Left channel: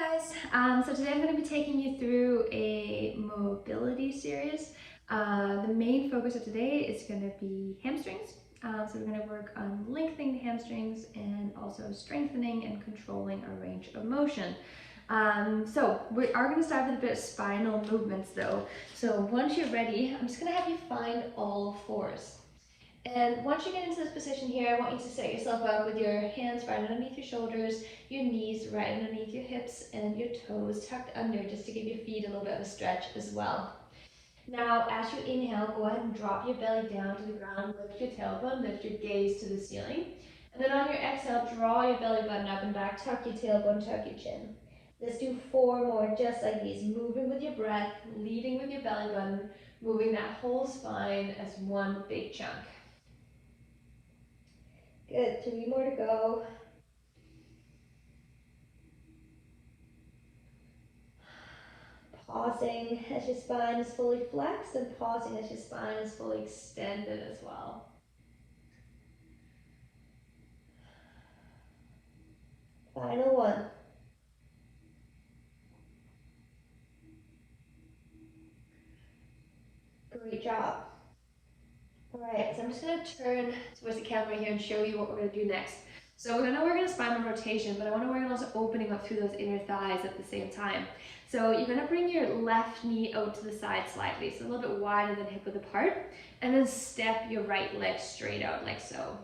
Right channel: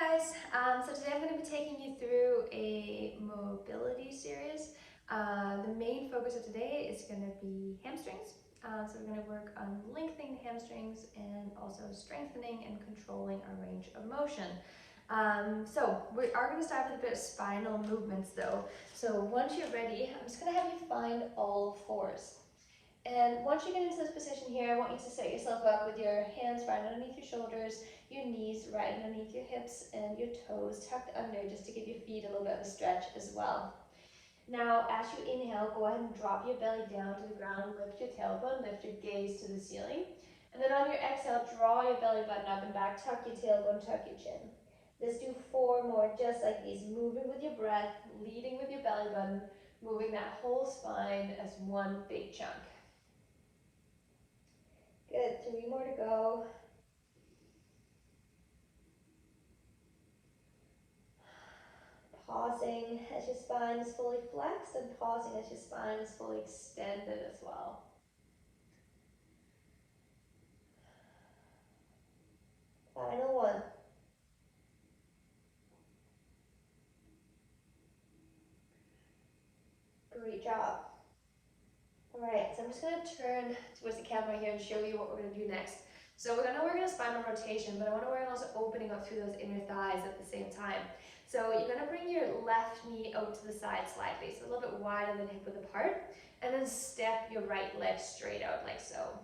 Guys, so today I'm going to be taking you through a mobility series. The main focus of today is going to be hamstrings. So we're going to work on lengthening the hamstrings and also strengthening and controlling our range of motion. So we are going to start with a bit of spinal movements though. So once you're ready, I'm just going to have you find all fours. And once you get into this position here, I want you to set yourself up with your hands right underneath your shoulders, your knees right underneath your hips, and your toes tucked under just to give your feet a little bit of a stretch as well. Now, as you inhale, go ahead and drop your belly down to the ground, lift your tailbone, lift your gaze to the ceiling. And then on your exhale, draw your belly button up and back, tuck your tailbone, tuck your chin. Let's do 4 more just like these, moving with your breath, leading with your belly button, moving that whole spine as one big chunk. Good, 3 more to go. Pausing as your spine is fully flexed and pausing as your spine is fully extended as well. Final one. Great job. Alright, so I'm just going to turn towards the camera here and show you what we're going to do next. So we're going to work on a spinal rotation, but I want to work on also opening up through those inner thighs at the same time. So you're going to bring your left knee out to the side slightly, so a little bit wider than hip width apart, and then step your right leg straight out like so.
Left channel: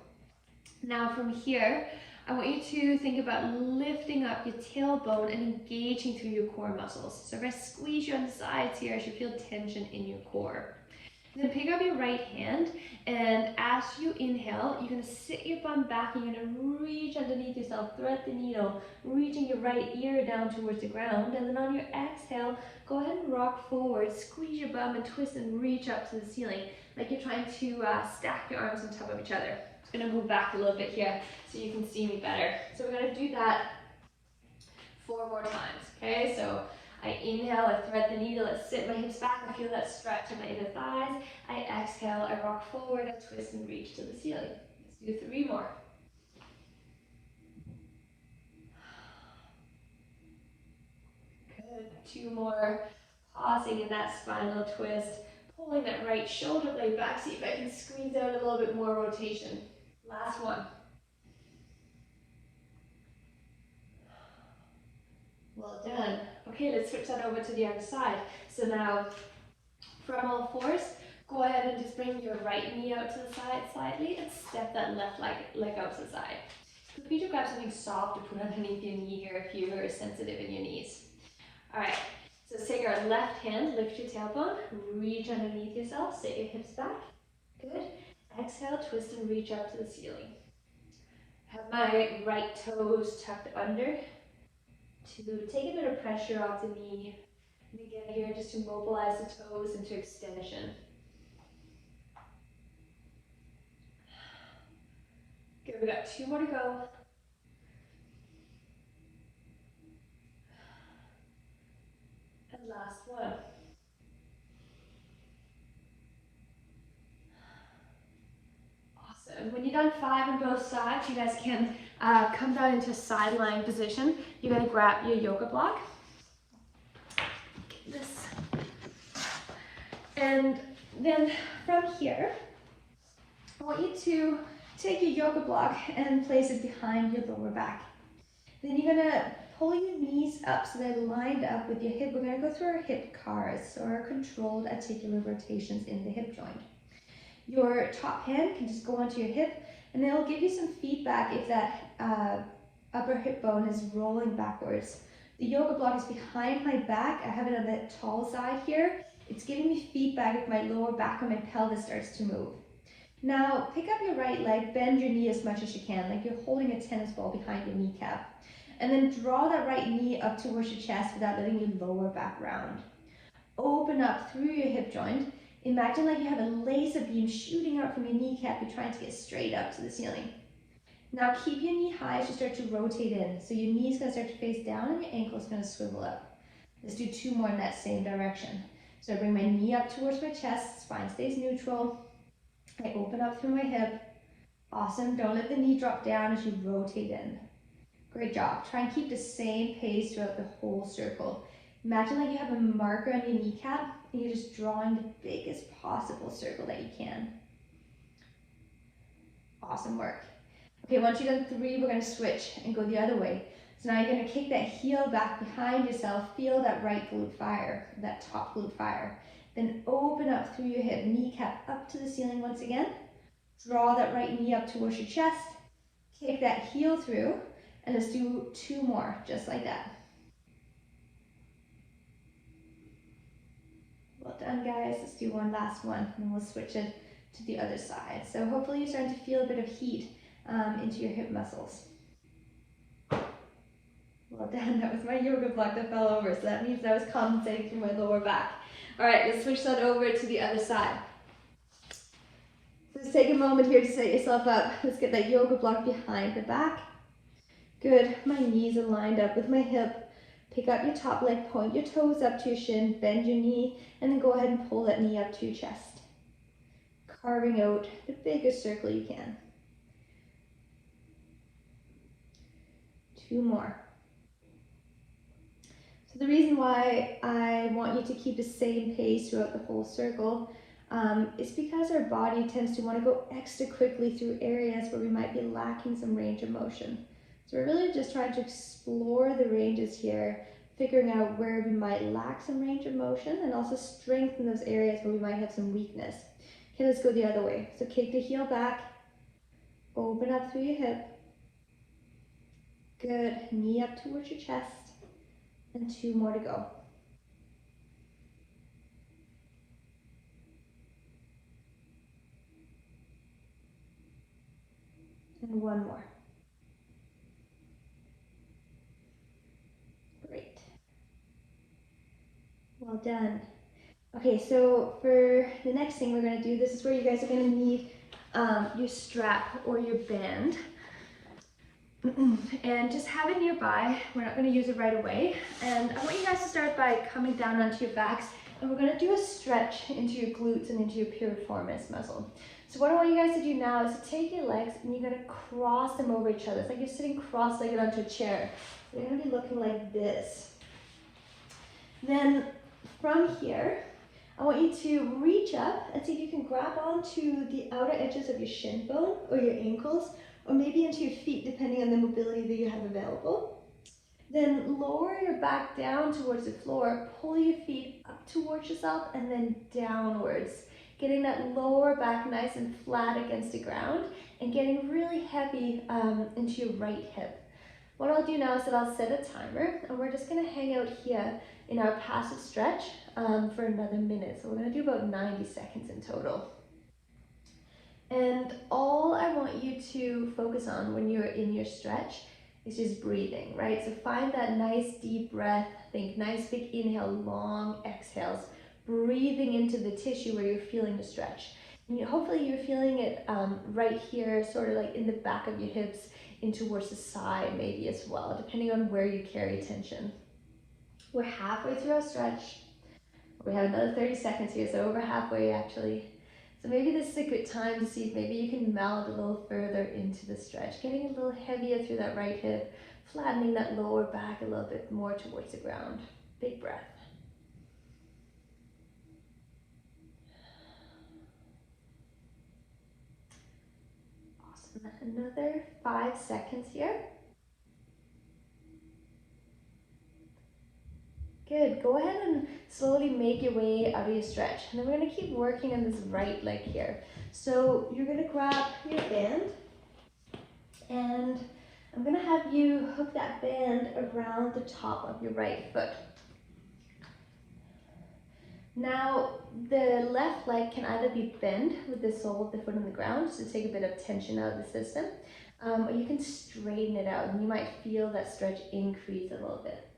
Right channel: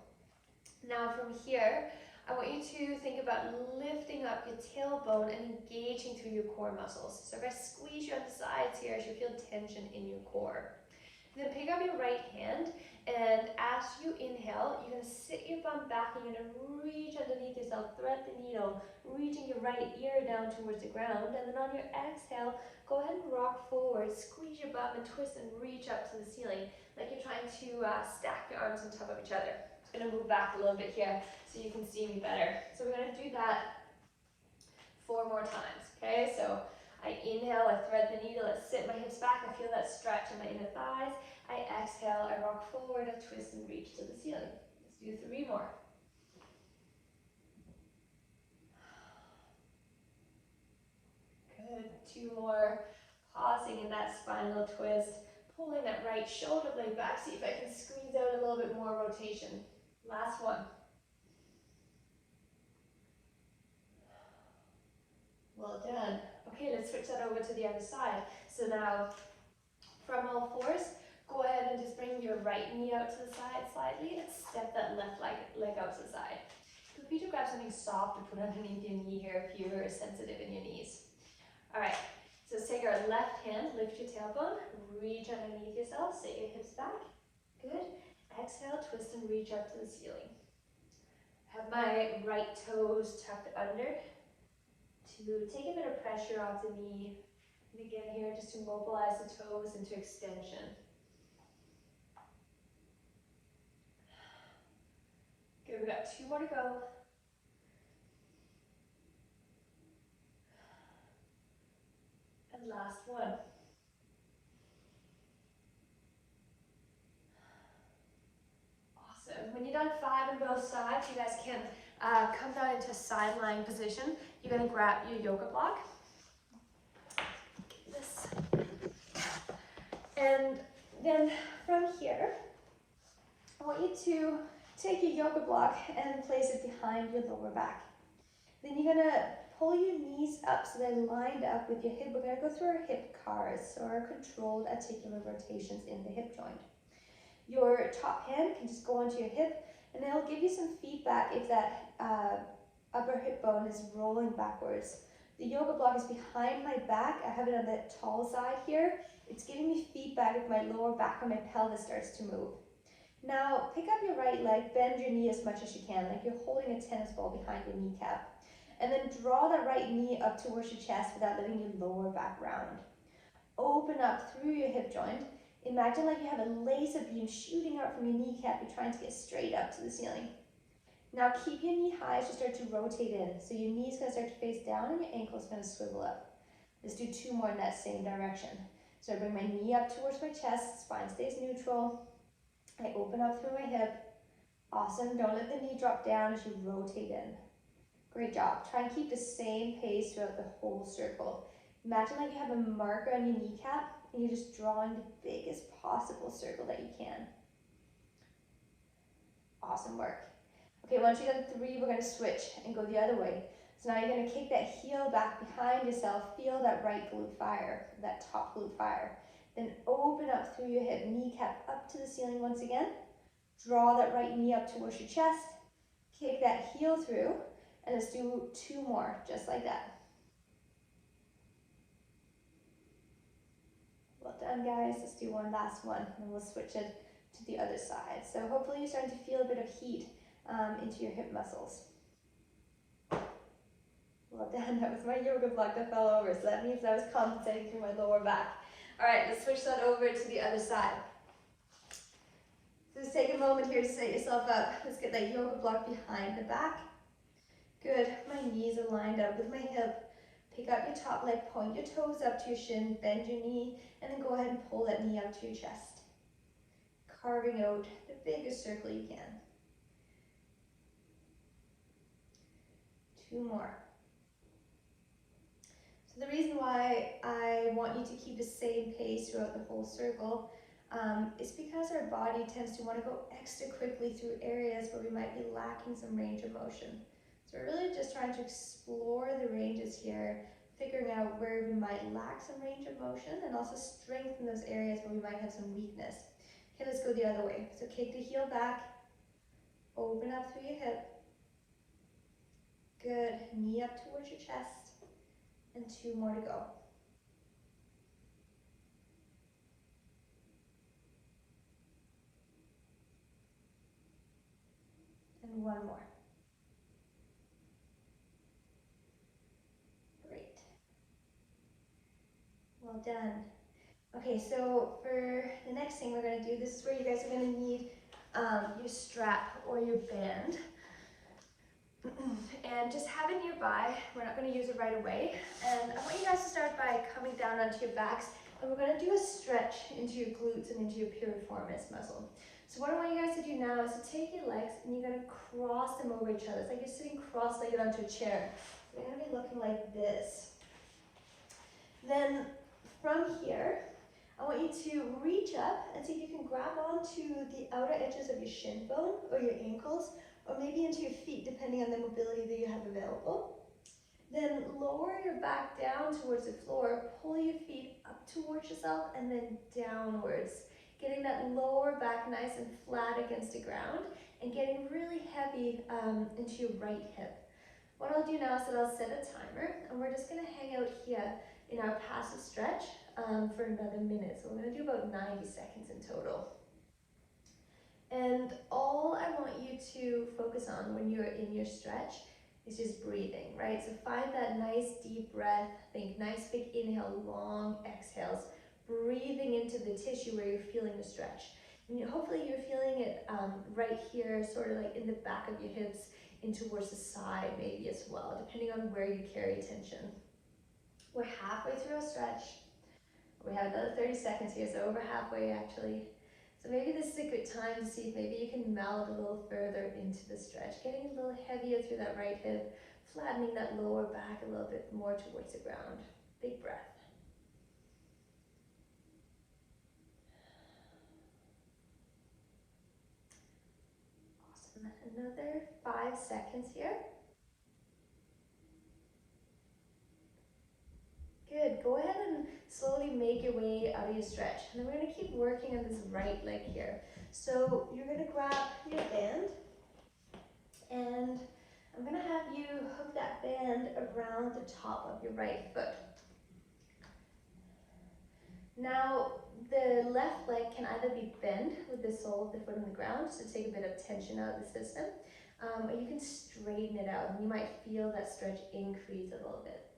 Now from here, I want you to think about lifting up your tailbone and engaging through your core muscles. So if I squeeze you on the sides here, I should feel tension in your core. Then pick up your right hand, and as you inhale, you're going to sit your bum back and you're going to reach underneath yourself, thread the needle, reaching your right ear down towards the ground. And then on your exhale, go ahead and rock forward, squeeze your bum and twist and reach up to the ceiling, like you're trying to stack your arms on top of each other. I'm going to move back a little bit here so you can see me better. So we're going to do that 4 more times, okay? So I inhale, I thread the needle, I sit my hips back, I feel that stretch in my inner thighs. I exhale, I rock forward, I twist and reach to the ceiling. Let's do 3 more. Good, 2 more. Pausing in that spinal twist, pulling that right shoulder blade back, see if I can squeeze out a little bit more rotation. Last one. Well done. Okay, let's switch that over to the other side. So now, from all fours, go ahead and just bring your right knee out to the side slightly and step that left leg out to the side. Feel free to grab something soft to put underneath your knee here if you are sensitive in your knees. All right, so let's take our left hand, lift your tailbone, reach underneath yourself, sit your hips back. Good. Exhale, twist and reach up to the ceiling. Have my right toes tucked under to take a bit of pressure off the knee. And again here, just to mobilize the toes into extension. Good, we got 2 more to go. And last one. Awesome. When you're done 5 on both sides, you guys can come down into a side lying position. You're going to grab your yoga block. This. And then from here, I want you to take your yoga block and place it behind your lower back. Then you're going to pull your knees up so they're lined up with your hip. We're going to go through our hip cars, so our controlled articular rotations in the hip joint. Your top hand can just go onto your hip, and it'll give you some feedback if that upper hip bone is rolling backwards. The yoga block is behind my back. I have it on the tall side here. It's giving me feedback if my lower back or my pelvis starts to move. Now, pick up your right leg, bend your knee as much as you can, like you're holding a tennis ball behind your kneecap. And then draw that right knee up towards your chest without letting your lower back round. Open up through your hip joint. Imagine like you have a laser beam shooting out from your kneecap. You're trying to get straight up to the ceiling. Now keep your knee high as you start to rotate in. So your knee's going to start to face down and your ankle's going to swivel up. Let's do 2 more in that same direction. So I bring my knee up towards my chest, spine stays neutral. I open up through my hip. Awesome. Don't let the knee drop down as you rotate in. Great job. Try and keep the same pace throughout the whole circle. Imagine like you have a marker on your kneecap and you're just drawing the biggest possible circle that you can. Awesome work. Okay, once you've done 3, we're going to switch and go the other way. So now you're going to kick that heel back behind yourself, feel that right glute fire, that top glute fire. Then open up through your hip, kneecap up to the ceiling once again. Draw that right knee up towards your chest. Kick that heel through, and let's do 2 more, just like that. Well done, guys. Let's do one last one, and then we'll switch it to the other side. So hopefully you're starting to feel a bit of heat into your hip muscles. Well done. That was my yoga block that fell over, so that means I was compensating through my lower back. All right, let's switch that over to the other side. So just take a moment here to set yourself up. Let's get that yoga block behind the back. Good. My knees are lined up with my hip. Pick up your top leg, point your toes up to your shin, bend your knee, and then go ahead and pull that knee up to your chest. Carving out the biggest circle you can. 2 more. So the reason why I want you to keep the same pace throughout the whole circle is because our body tends to want to go extra quickly through areas where we might be lacking some range of motion. So we're really just trying to explore the ranges here, figuring out where we might lack some range of motion and also strengthen those areas where we might have some weakness. Okay, let's go the other way. So kick the heel back, open up through your hip. Good, knee up towards your chest, and 2 more to go. And 1 more. Great. Well done. Okay, so for the next thing we're going to do, this is where you guys are going to need your strap or your band. And just have it nearby. We're not going to use it right away. And I want you guys to start by coming down onto your backs, and we're going to do a stretch into your glutes and into your piriformis muscle. So what I want you guys to do now is to take your legs and you're going to cross them over each other. It's like you're sitting cross-legged onto a chair. You're going to be looking like this. Then from here, I want you to reach up and see if you can grab onto the outer edges of your shin bone or your ankles, or maybe into your feet, depending on the mobility that you have available. Then lower your back down towards the floor, pull your feet up towards yourself, and then downwards. Getting that lower back nice and flat against the ground, and getting really heavy into your right hip. What I'll do now is that I'll set a timer, and we're just gonna hang out here in our passive stretch for another minute. So we're gonna do about 90 seconds in total. And all I want you to focus on when you're in your stretch is just breathing, right? So find that nice deep breath, think nice big inhale, long exhales, breathing into the tissue where you're feeling the stretch. And hopefully you're feeling it right here, sort of like in the back of your hips, in towards the side maybe as well, depending on where you carry tension. We're halfway through our stretch. We have another 30 seconds here, so over halfway actually. So maybe this is a good time to see if maybe you can melt a little further into the stretch, getting a little heavier through that right hip, flattening that lower back a little bit more towards the ground. Big breath. Awesome. Another 5 seconds here. Good. Go ahead and slowly make your way out of your stretch. And then we're going to keep working on this right leg here. So you're going to grab your band, and I'm going to have you hook that band around the top of your right foot. Now, the left leg can either be bent with the sole of the foot on the ground, just to take a bit of tension out of the system, or you can straighten it out, and you might feel that stretch increase a little bit.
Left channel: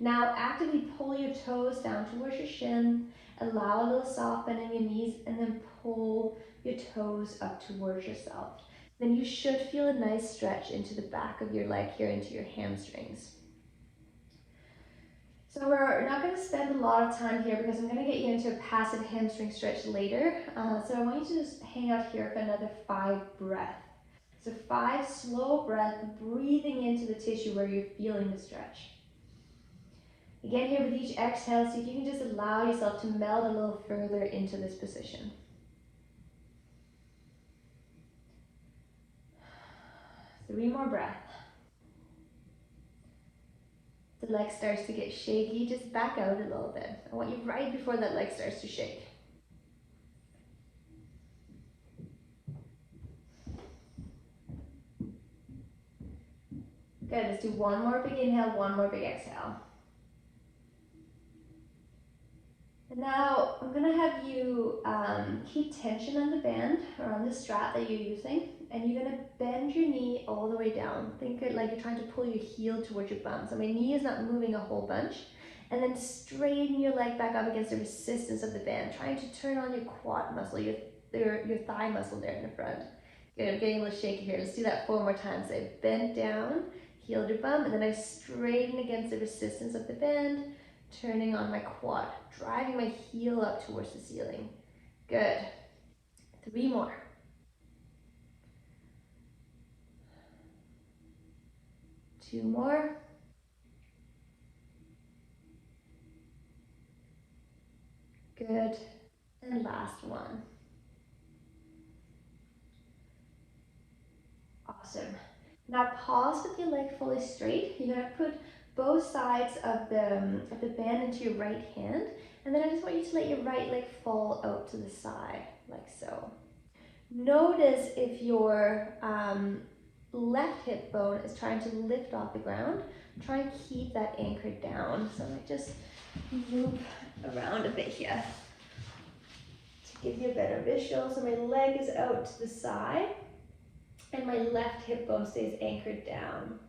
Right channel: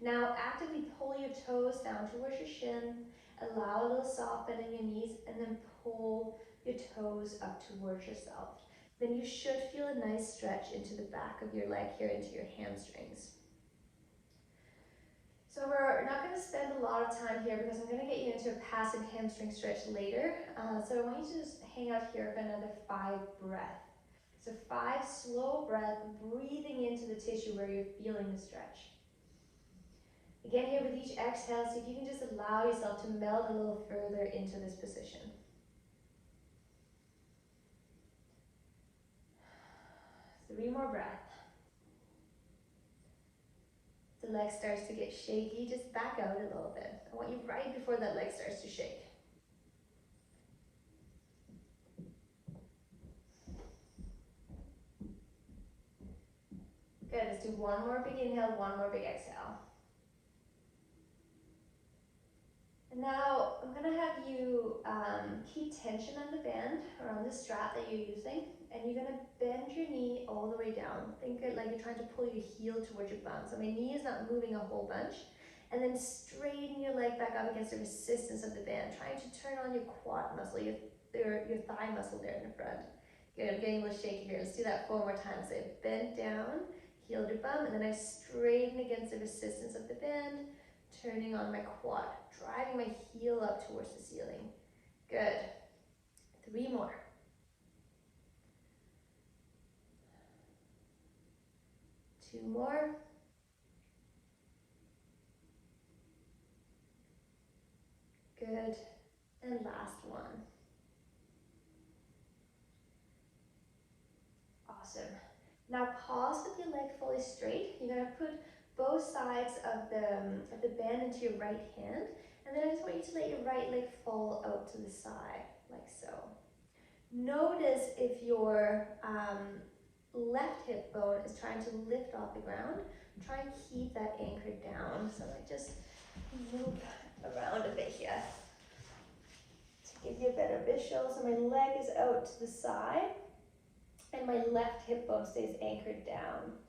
Now, actively pull your toes down towards your shin, allow a little soft bend in your knees, and then pull your toes up towards yourself. Then you should feel a nice stretch into the back of your leg here, into your hamstrings. So we're not going to spend a lot of time here because I'm going to get you into a passive hamstring stretch later. So I want you to just hang out here for another 5 breaths. So 5 slow breaths, breathing into the tissue where you're feeling the stretch. Again, here with each exhale, see if you can just allow yourself to meld a little further into this position. 3 more breaths. The leg starts to get shaky, just back out a little bit. I want you right before that leg starts to shake. Good, let's do one more big inhale, one more big exhale. And now I'm going to have you keep tension on the band or on the strap that you're using, and you're going to bend your knee all the way down. Think it like you're trying to pull your heel towards your bum. So my knee is not moving a whole bunch. And then straighten your leg back up against the resistance of the band, trying to turn on your quad muscle, your thigh muscle there in the front. Good, I'm getting a little shaky here. Let's do that 4 more times. So I bent down, heeled your bum, and then I straighten against the resistance of the band, turning on my quad, driving my heel up towards the ceiling. Good. 3 more. 2 more. Good. And last one. Awesome. Now pause with your leg fully straight. You're going to put both sides of the band into your right hand, and then I just want you to let your right leg fall out to the side, like so. Notice if your left hip bone is trying to lift off the ground, try and keep that anchored down. So I just move around a bit here to give you a better visual. So my leg is out to the side, and my left hip bone stays anchored down.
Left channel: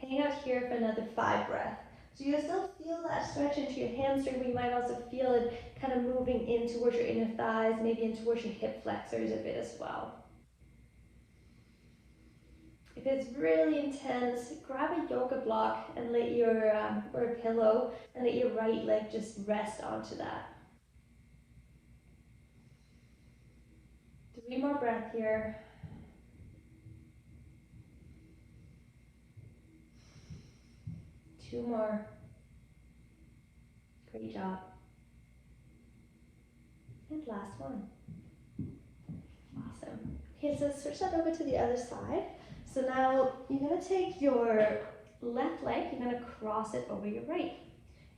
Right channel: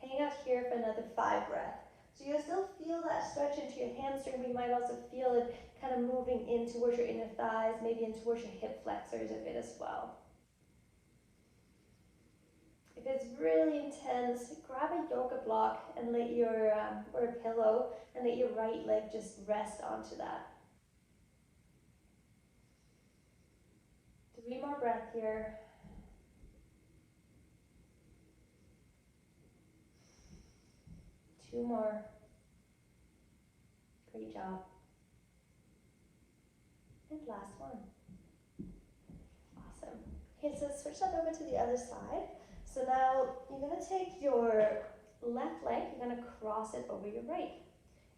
Hang out here for another 5 breaths. So you still feel that stretch into your hamstring, but you might also feel it kind of moving in towards your inner thighs, maybe in towards your hip flexors a bit as well. If it's really intense, grab a yoga block and let your, or a pillow, and let your right leg just rest onto that. 3 more breaths here. 2 more. Great job. And last one. Awesome. Okay, so switch that over to the other side. So now you're going to take your left leg, you're going to cross it over your right.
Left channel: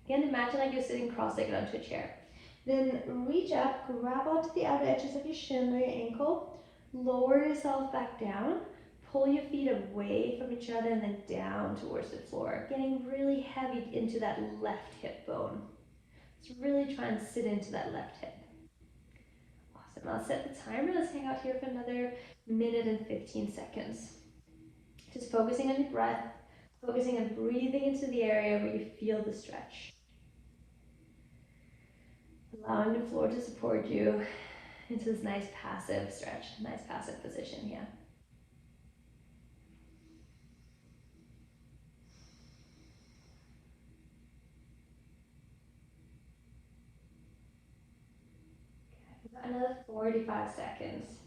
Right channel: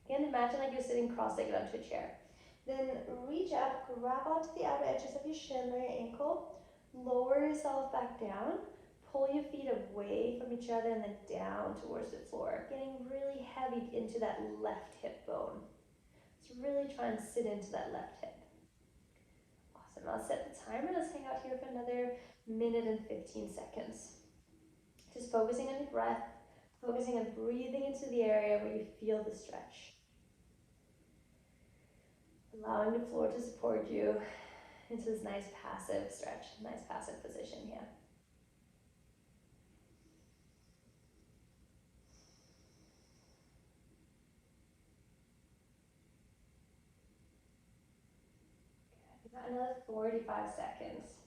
Again, imagine like you're sitting cross-legged onto a chair. Then reach up, grab onto the outer edges of your shin or your ankle, lower yourself back down, pull your feet away from each other and then down towards the floor, getting really heavy into that left hip bone. So really try and sit into that left hip. Awesome, I'll set the timer. Let's hang out here for another minute and 15 seconds. Just focusing on your breath, focusing on breathing into the area where you feel the stretch. Allowing the floor to support you into this nice passive stretch, nice passive position here. Another 45 seconds.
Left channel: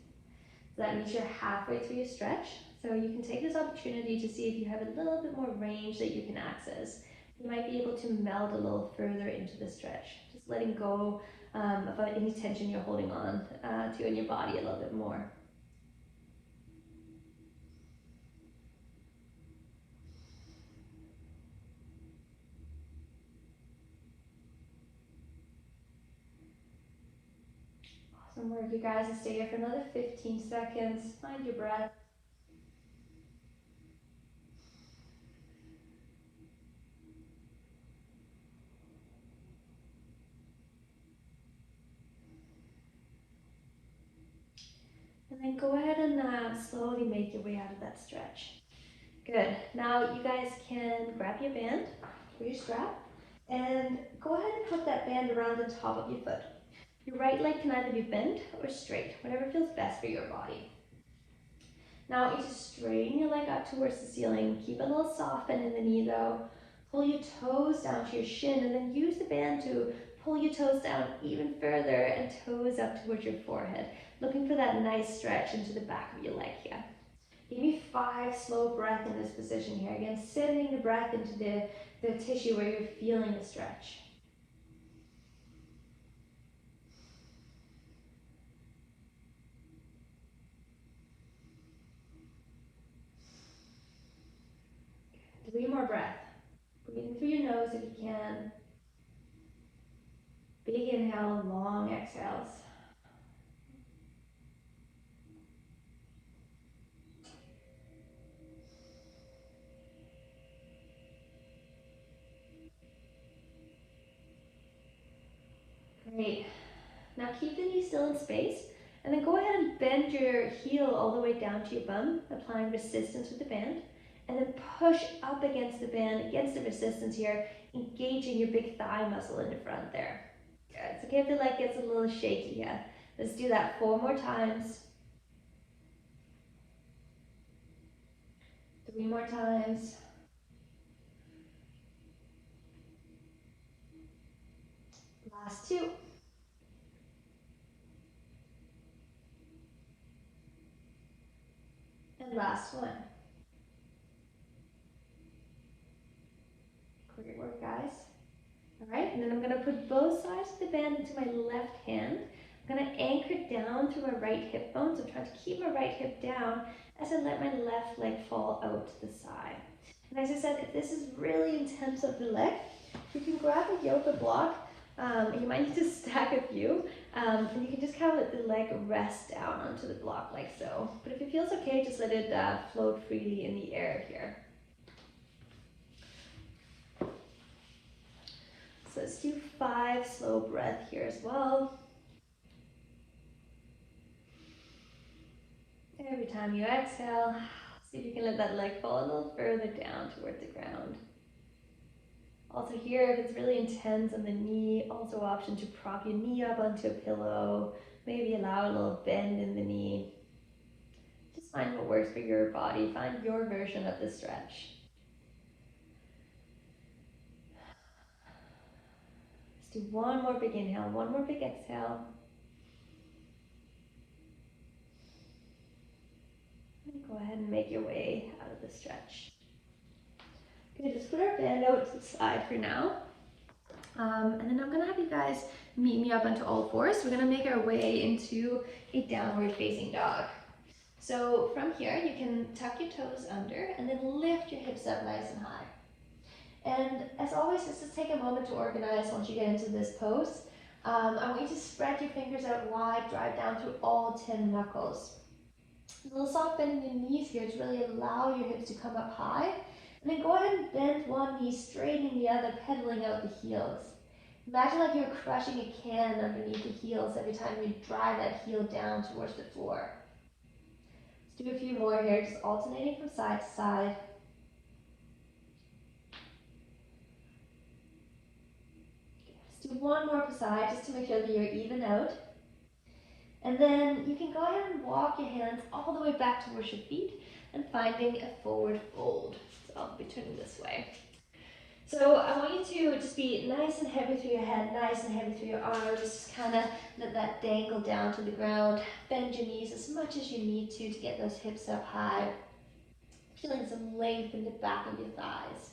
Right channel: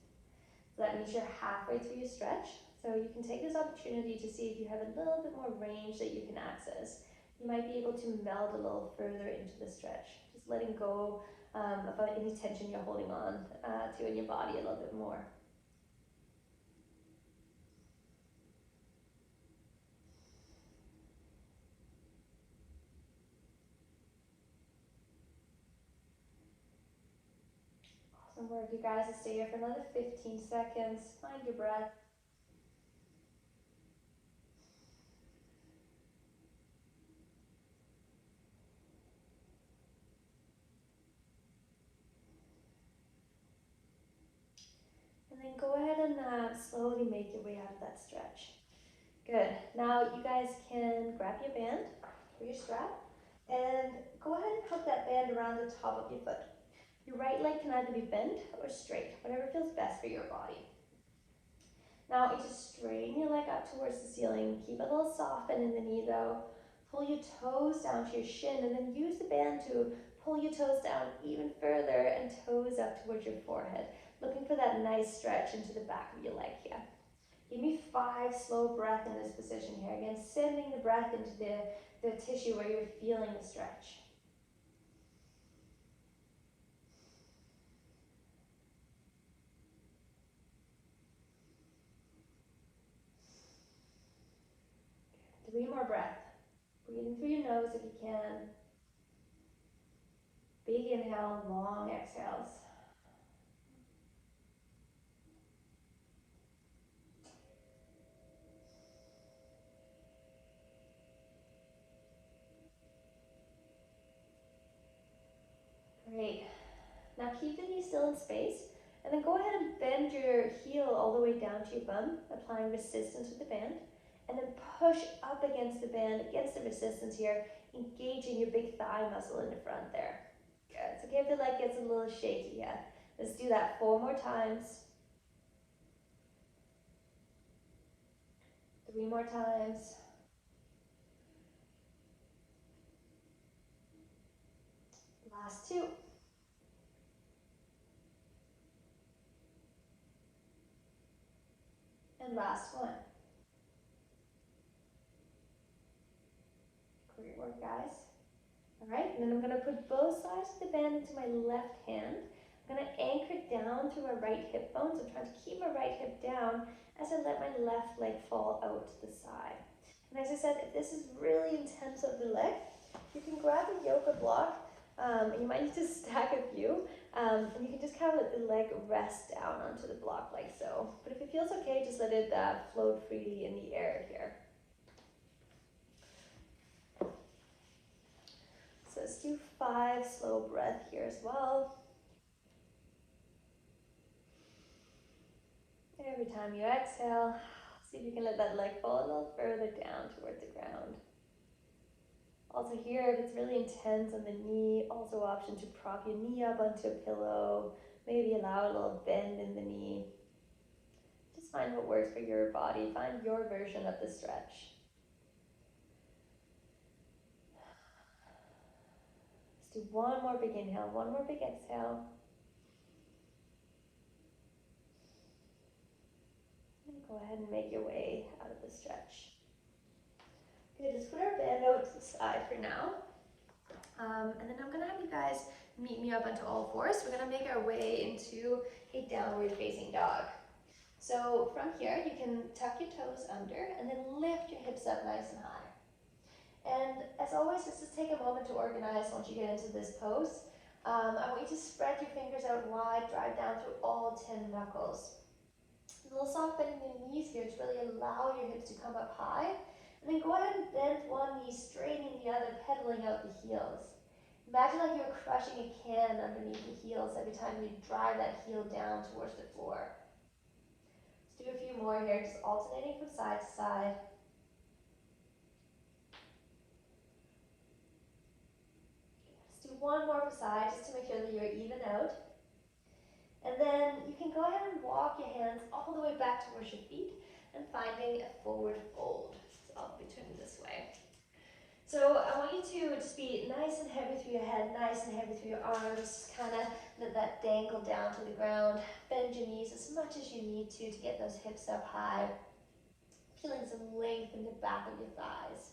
So that means you're halfway through your stretch. So you can take this opportunity to see if you have a little bit more range that you can access. You might be able to meld a little further into the stretch. Just letting go of any tension you're holding on to in your body a little bit more. Awesome work, you guys. Stay here for another 15 seconds. Find your breath. And then go ahead and slowly make your way out of that stretch. Good. Now you guys can grab your band or your strap and go ahead and put that band around the top of your foot. Your right leg can either be bent or straight, whatever feels best for your body. Now you just straighten your leg up towards the ceiling. Keep a little soft bend in the knee though. Pull your toes down to your shin and then use the band to pull your toes down even further and toes up towards your forehead. Looking for that nice stretch into the back of your leg here. Give me 5 slow breaths in this position here. Again, sending the breath into the tissue where you're feeling the stretch. Three more breaths. Breathing through your nose if you can. Big inhale, long exhales. Great. Now keep the knee still in space, and then go ahead and bend your heel all the way down to your bum, applying resistance with the band, and then push up against the band, against the resistance here, engaging your big thigh muscle in the front there. Good. It's okay if the leg gets a little shaky here. Let's do that 4 more times. 3 more times. Last 2. And last 1. Great work, guys. All right, and then I'm gonna put both sides of the band into my left hand. I'm gonna anchor down through my right hip bone, so I'm trying to keep my right hip down as I let my left leg fall out to the side. And as I said, if this is really intense of the leg, you can grab a yoga block. You might need to stack a few, and you can just kind of let the leg rest down onto the block like so. But if it feels okay, just let it float freely in the air here. So let's do 5 slow breaths here as well. Every time you exhale, see if you can let that leg fall a little further down towards the ground. Also here, if it's really intense on the knee, also option to prop your knee up onto a pillow, maybe allow a little bend in the knee. Just find what works for your body, find your version of the stretch. Let's do 1 more big inhale, 1 more big exhale. And go ahead and make your way out of the stretch. Good, just put our band out to the side for now. And then I'm gonna have you guys meet me up onto all 4s. We're gonna make our way into a downward facing dog. So from here, you can tuck your toes under and then lift your hips up nice and high. And as always, let's just take a moment to organize once you get into this pose. I want you to spread your fingers out wide, drive down through all 10 knuckles. A little soft bend in your knees here to really allow your hips to come up high. And then go ahead and bend one knee, straightening the other, pedaling out the heels. Imagine like you're crushing a can underneath the heels every time you drive that heel down towards the floor. Let's do a few more here, just alternating from side to side. Let's do 1 more per side, just to make sure that you're even out. And then you can go ahead and walk your hands all the way back towards your feet and finding a forward fold. So I'll be turning this way. So I want you to just be nice and heavy through your head, nice and heavy through your arms, kind of let that dangle down to the ground. Bend your knees as much as you need to get those hips up high. Feeling some length in the back of your thighs.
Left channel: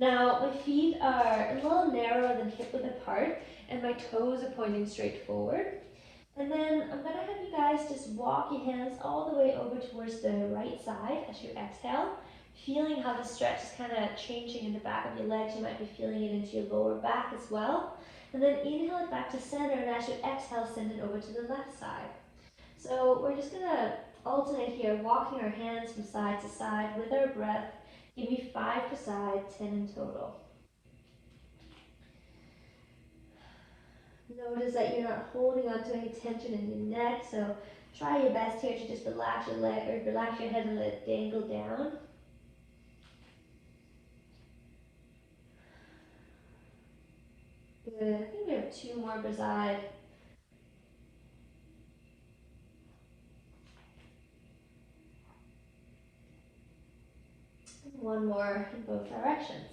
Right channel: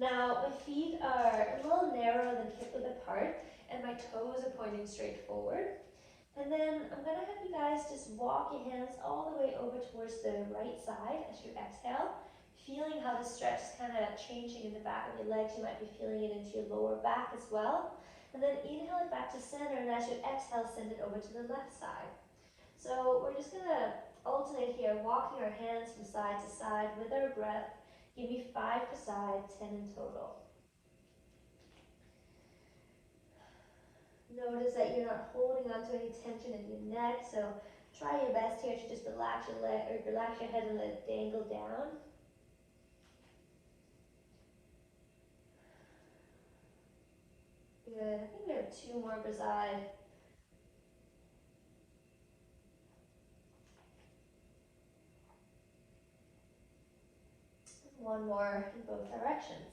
Now my feet are a little narrower than hip width apart and my toes are pointing straight forward. And then I'm going to have you guys just walk your hands all the way over towards the right side as you exhale, feeling how the stretch is kind of changing in the back of your legs. You might be feeling it into your lower back as well. And then inhale it back to center, and as you exhale, send it over to the left side. So we're just going to alternate here, walking our hands from side to side with our breath. Give me 5 per side, 10 in total. Notice that you're not holding on to any tension in your neck, so try your best here to just relax your leg or relax your head and let it dangle down. Good. I think we have 2 more per side. And 1 more in both directions.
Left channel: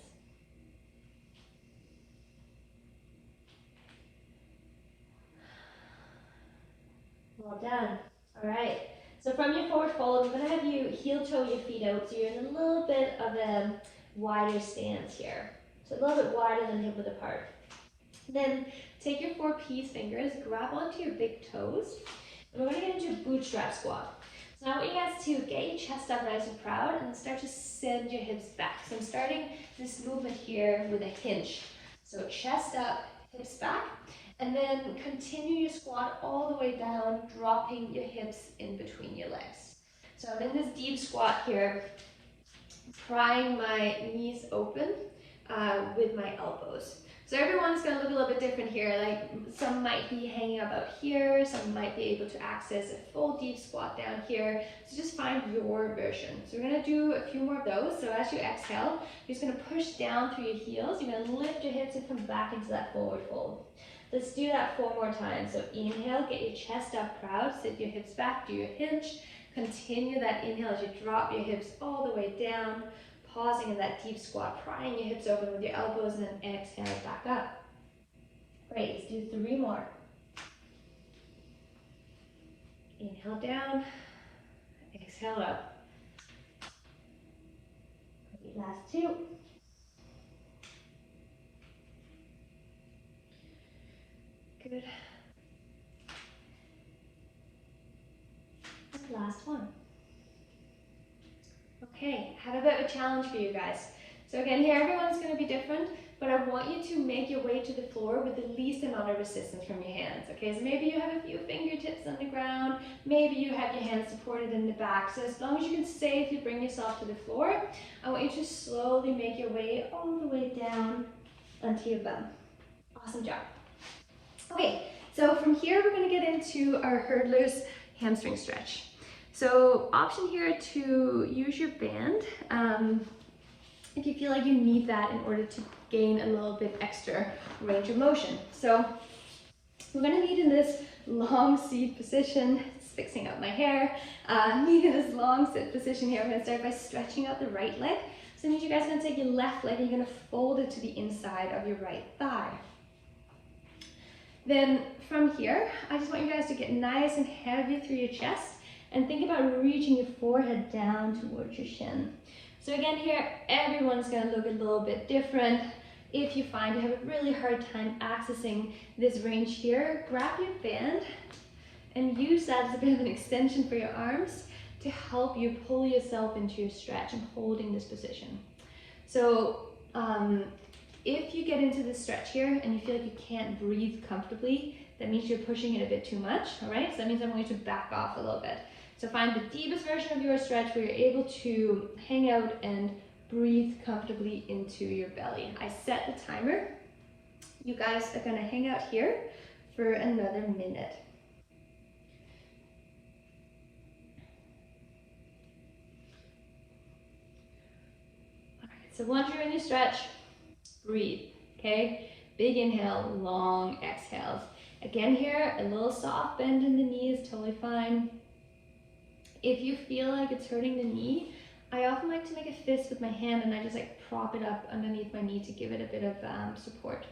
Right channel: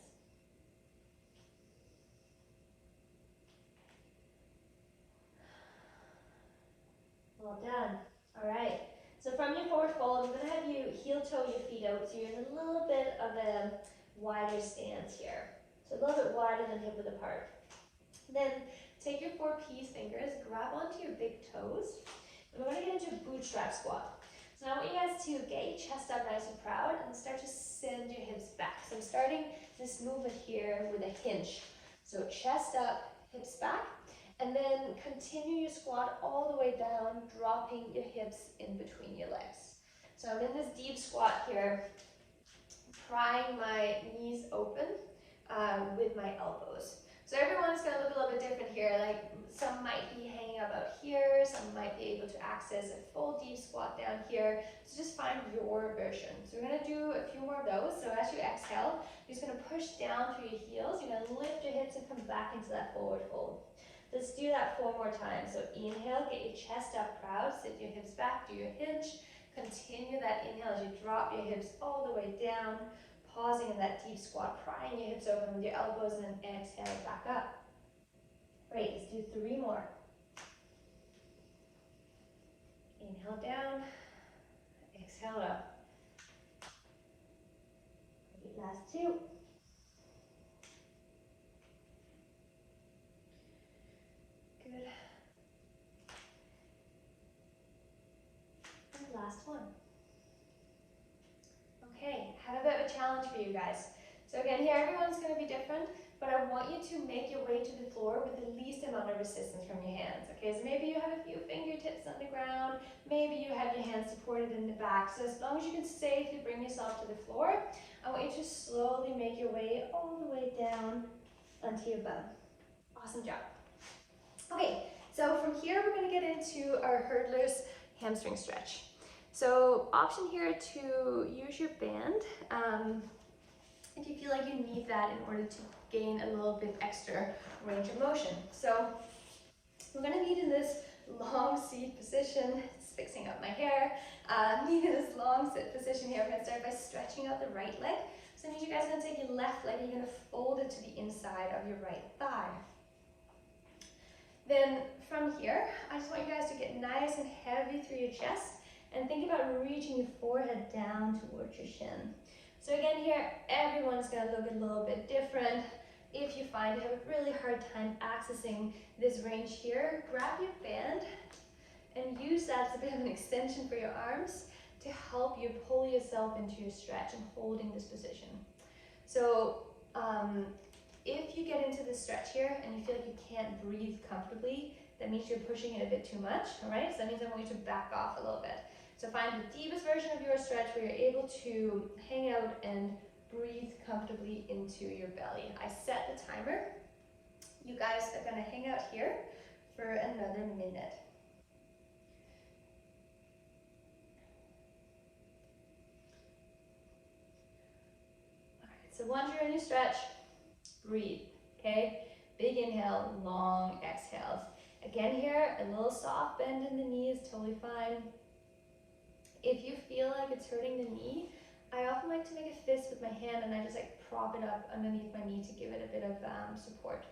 Well done. All right. So from your forward fold, we're going to have you heel toe your feet out, so you're in a little bit of a wider stance here. So a little bit wider than hip width apart. Then take your 4 peace fingers, grab onto your big toes, and we're going to get into a bootstrap squat. So now I want you guys to get your chest up nice and proud, and then start to send your hips back. So I'm starting this movement here with a hinge. So chest up, hips back, and then continue your squat all the way down, dropping your hips in between your legs. So I'm in this deep squat here, prying my knees open with my elbows. So everyone's going to look a little bit different here. Like some might be hanging about here, some might be able to access a full deep squat down here. So just find your version. So we're going to do a few more of those. So as you exhale, you're just going to push down through your heels. You're going to lift your hips and come back into that forward fold. Let's do that 4 more times. So inhale, get your chest up proud, sit your hips back, do your hinge. Continue that inhale as you drop your hips all the way down. Pausing in that deep squat, prying your hips open with your elbows, and then exhale back up. Great, let's do 3 more. Inhale down, exhale up. Great, last 2. Good. Last one. Okay, have a bit of a challenge for you guys. So again, here everyone's going to be different, but I want you to make your way to the floor with the least amount of resistance from your hands. Okay, so maybe you have a few fingertips on the ground, maybe you have your hands supported in the back. So as long as you can safely bring yourself to the floor, I want you to slowly make your way all the way down onto your bum. Awesome job. Okay, so from here we're going to get into our hurdlers hamstring stretch. So option here to use your band if you feel like you need that in order to gain a little bit extra range of motion. So we're going to need in this long seat position, it's fixing up my hair, need in this long sit position here. I'm going to start by stretching out the right leg. So that means you guys are going to take your left leg and you're going to fold it to the inside of your right thigh. Then from here, I just want you guys to get nice and heavy through your chest and think about reaching your forehead down towards your shin. So again here, everyone's going to look a little bit different. If you find you have a really hard time accessing this range here, grab your band and use that as a bit of an extension for your arms to help you pull yourself into your stretch and holding this position. So if you get into this stretch here and you feel like you can't breathe comfortably, that means you're pushing it a bit too much, all right? So that means I'm going to back off a little bit. So find the deepest version of your stretch where you're able to hang out and breathe comfortably into your belly. I set the timer. You guys are gonna hang out here for another minute. All right, so once you're in your stretch, breathe, okay? Big inhale, long exhales. Again here, a little soft bend in the knee is totally fine. If you feel like it's hurting the knee, I often like to make a fist with my hand and I just like prop it up underneath my knee to give it a bit of support.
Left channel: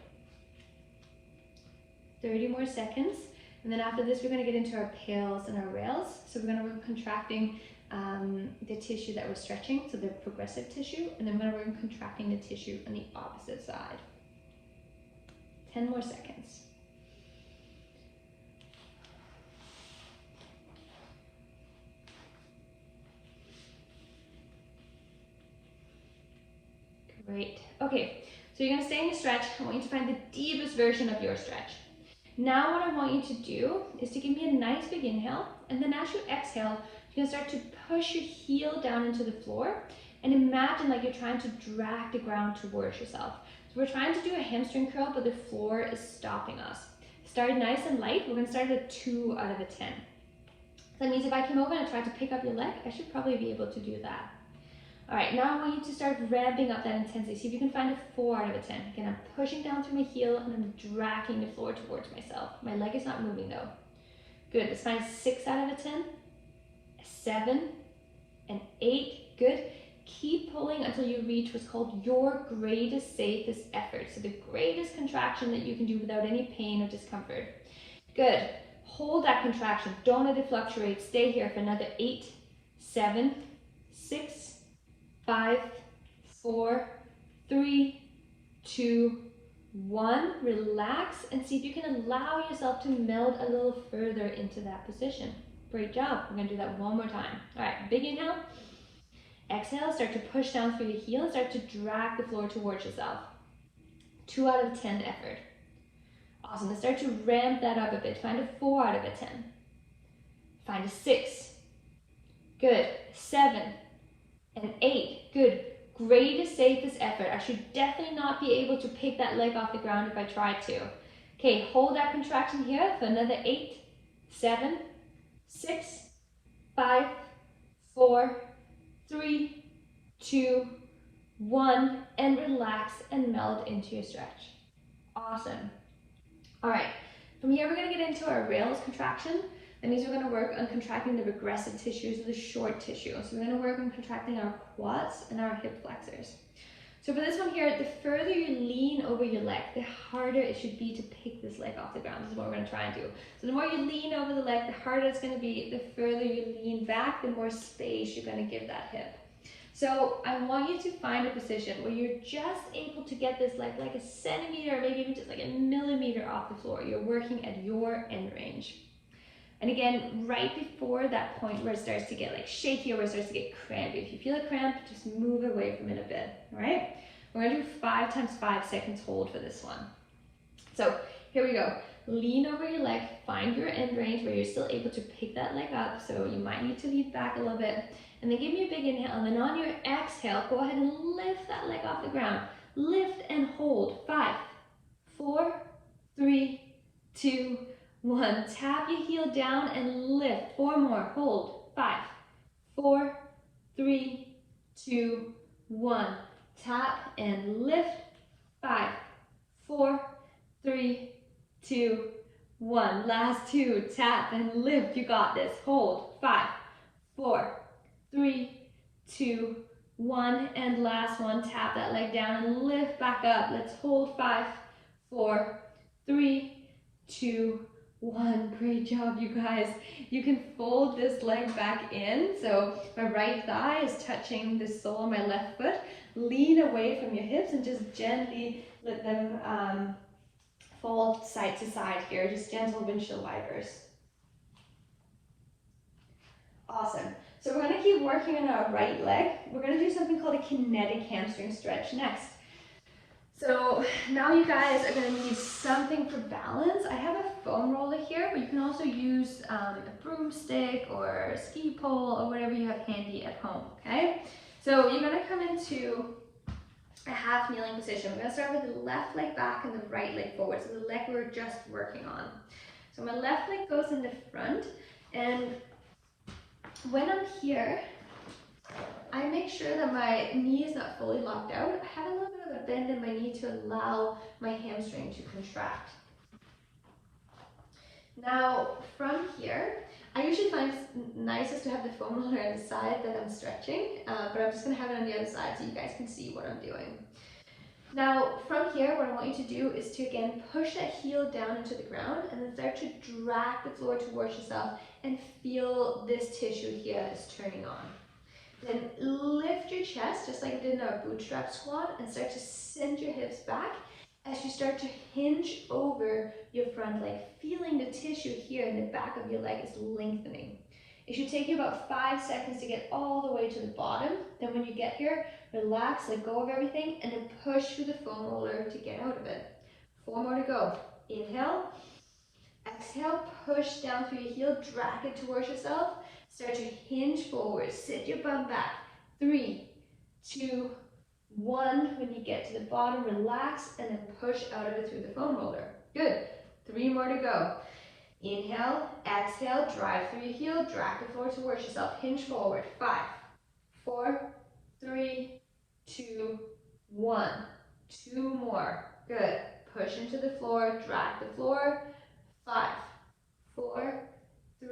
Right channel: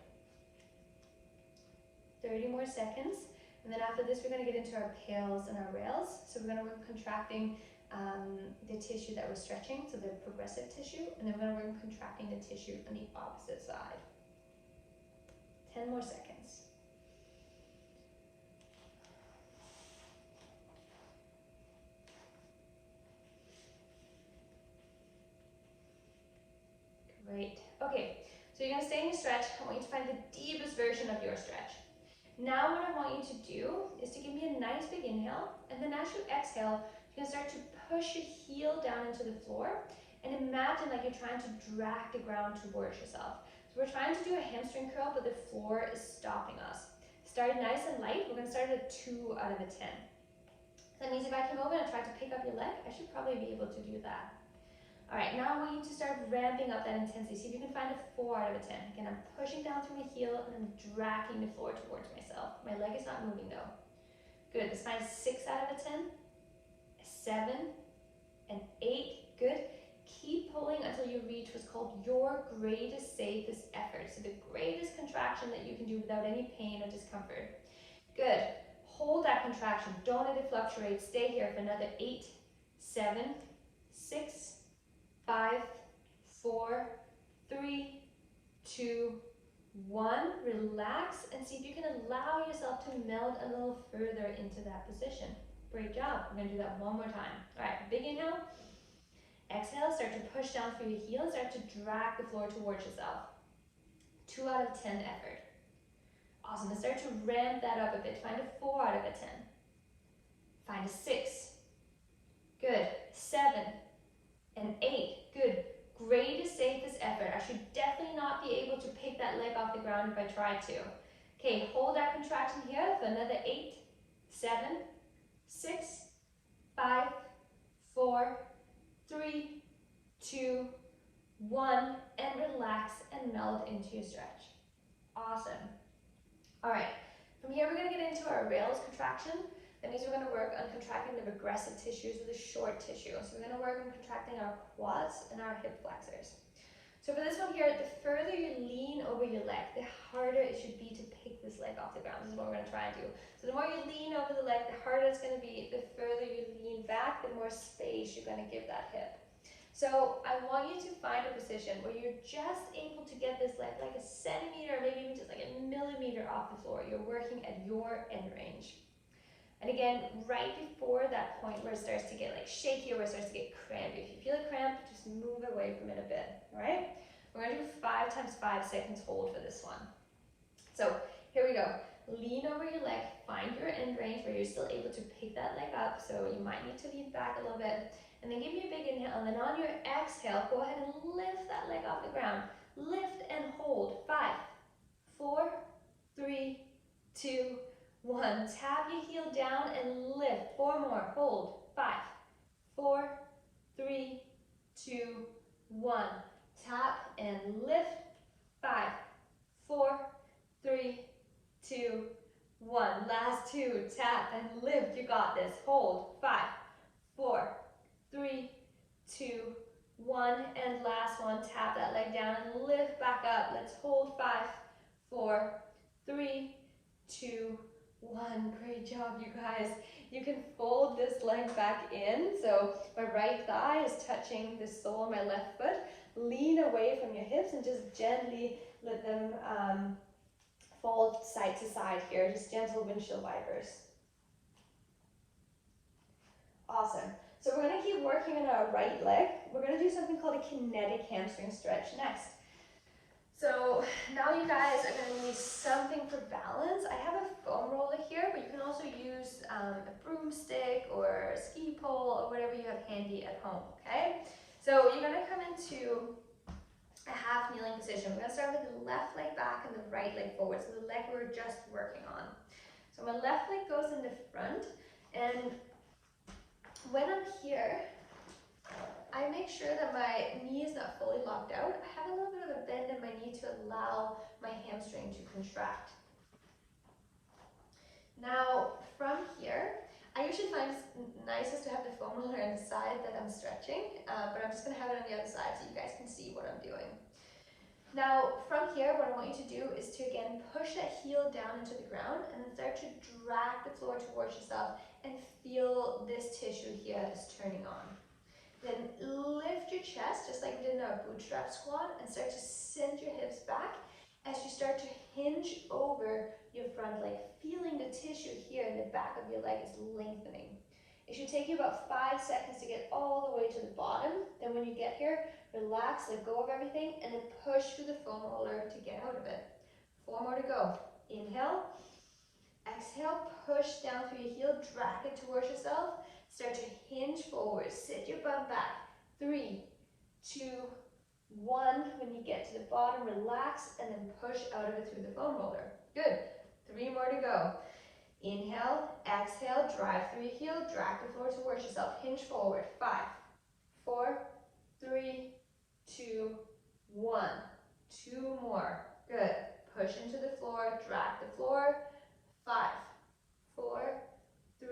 30 more seconds. And then after this, we're going to get into our pails and our rails. So we're going to work contracting the tissue that we're stretching, so the progressive tissue, and then we're going to work contracting the tissue on the opposite side. 10 more seconds. Great. Okay, so you're going to stay in your stretch. I want you to find the deepest version of your stretch. Now what I want you to do is to give me a nice big inhale, and then as you exhale, you're going to start to push your heel down into the floor, and imagine like you're trying to drag the ground towards yourself. So we're trying to do a hamstring curl, but the floor is stopping us. Start nice and light. We're going to start at a 2 out of a 10. That means if I came over and tried to pick up your leg, I should probably be able to do that. All right, now I want you to start ramping up that intensity. See if you can find a 4 out of a 10. Again, I'm pushing down through my heel and I'm dragging the floor towards myself. My leg is not moving though. Good, let's find 6 out of a 10, a 7, an 8, good. Keep pulling until you reach what's called your greatest, safest effort. So the greatest contraction that you can do without any pain or discomfort. Good, Hold that contraction. Don't let it fluctuate. Stay here for another 8, 7, 6, 5, 4, 3, 2, 1. Relax and see if you can allow yourself to meld a little further into that position. Great job. We're going to do that one more time. All right, big inhale. Exhale, start to push down through your heel and start to drag the floor towards yourself. 2 out of 10 effort. Awesome. Let's start to ramp that up a bit. Find a 4 out of a 10. Find a 6. Good. 7 and 8. Good. Greatest, safest effort. I should definitely not be able to pick that leg off the ground if I tried to. Okay, hold that contraction here for another 8, 7, 6, 5, 4, 3, 2, 1, and relax and meld into your stretch. Awesome. All right, from here we're going to get into our rails contraction. That means we're going to work on contracting the regressive tissues or the short tissue. So we're going to work on contracting our quads and our hip flexors. So for this one here, the further you lean over your leg, the harder it should be to pick this leg off the ground. This is what we're going to try and do. So the more you lean over the leg, the harder it's going to be. The further you lean back, the more space you're going to give that hip. So I want you to find a position where you're just able to get this leg like a centimeter, or maybe even just like a millimeter off the floor. You're working at your end range. And again, right before that point where it starts to get like shaky or where it starts to get crampy. If you feel a cramp, just move away from it a bit, all right? We're gonna do 5 times 5 seconds hold for this one. So here we go. Lean over your leg, find your end range where you're still able to pick that leg up. So you might need to lean back a little bit. And then give me a big inhale, and then on your exhale, go ahead and lift that leg off the ground. Lift and hold. 5, 4, 3, 2, 1. Tap your heel down and lift. 4 more. Hold. 5, 4, 3, 2, 1. Tap and lift. 5, 4, 3, 2, 1. Last 2. Tap and lift. You got this. Hold. 5, 4, 3, 2, 1. And last one. Tap that leg down and lift back up. Let's hold. 5, 4, 3, 2, 1. Great job, you guys. You can fold this leg back in. So my right thigh is touching the sole of my left foot. Lean away from your hips and just gently let them fall side to side here. Just gentle windshield wipers. Awesome. So we're going to keep working on our right leg. We're going to do something called a kinetic hamstring stretch next. So now you guys are going to need something for balance. I have a foam roller here, but you can also use a broomstick or a ski pole or whatever you have handy at home, okay? So you're going to come into a half kneeling position. We're going to start with the left leg back and the right leg forward, so the leg we were just working on. So my left leg goes in the front, and when I'm here, I make sure that my knee is not fully locked out. I have a little bit of a bend in my knee to allow my hamstring to contract. Now, from here, I usually find it's nicest to have the foam roller on the side that I'm stretching, but I'm just going to have it on the other side so you guys can see what I'm doing. Now, from here, what I want you to do is to, again, push that heel down into the ground and then start to drag the floor towards yourself and feel this tissue here that's turning on. Then lift your chest, just like we did in our bootstrap squat, and start to send your hips back as you start to hinge over your front leg, feeling the tissue here in the back of your leg is lengthening. It should take you about 5 seconds to get all the way to the bottom. Then when you get here, relax, let go of everything, and then push through the foam roller to get out of it. 4 more to go. Inhale, exhale, push down through your heel, drag it towards yourself. Start to hinge forward, sit your bum back. 3, 2, 1. When you get to the bottom, relax, and then push out of it through the foam roller. Good. 3 more to go. Inhale, exhale, drive through your heel, drag the floor towards yourself, hinge forward. 5, 4, 3, 2, 1. 2 more. Good. Push into the floor, drag the floor. 5, 4, 3,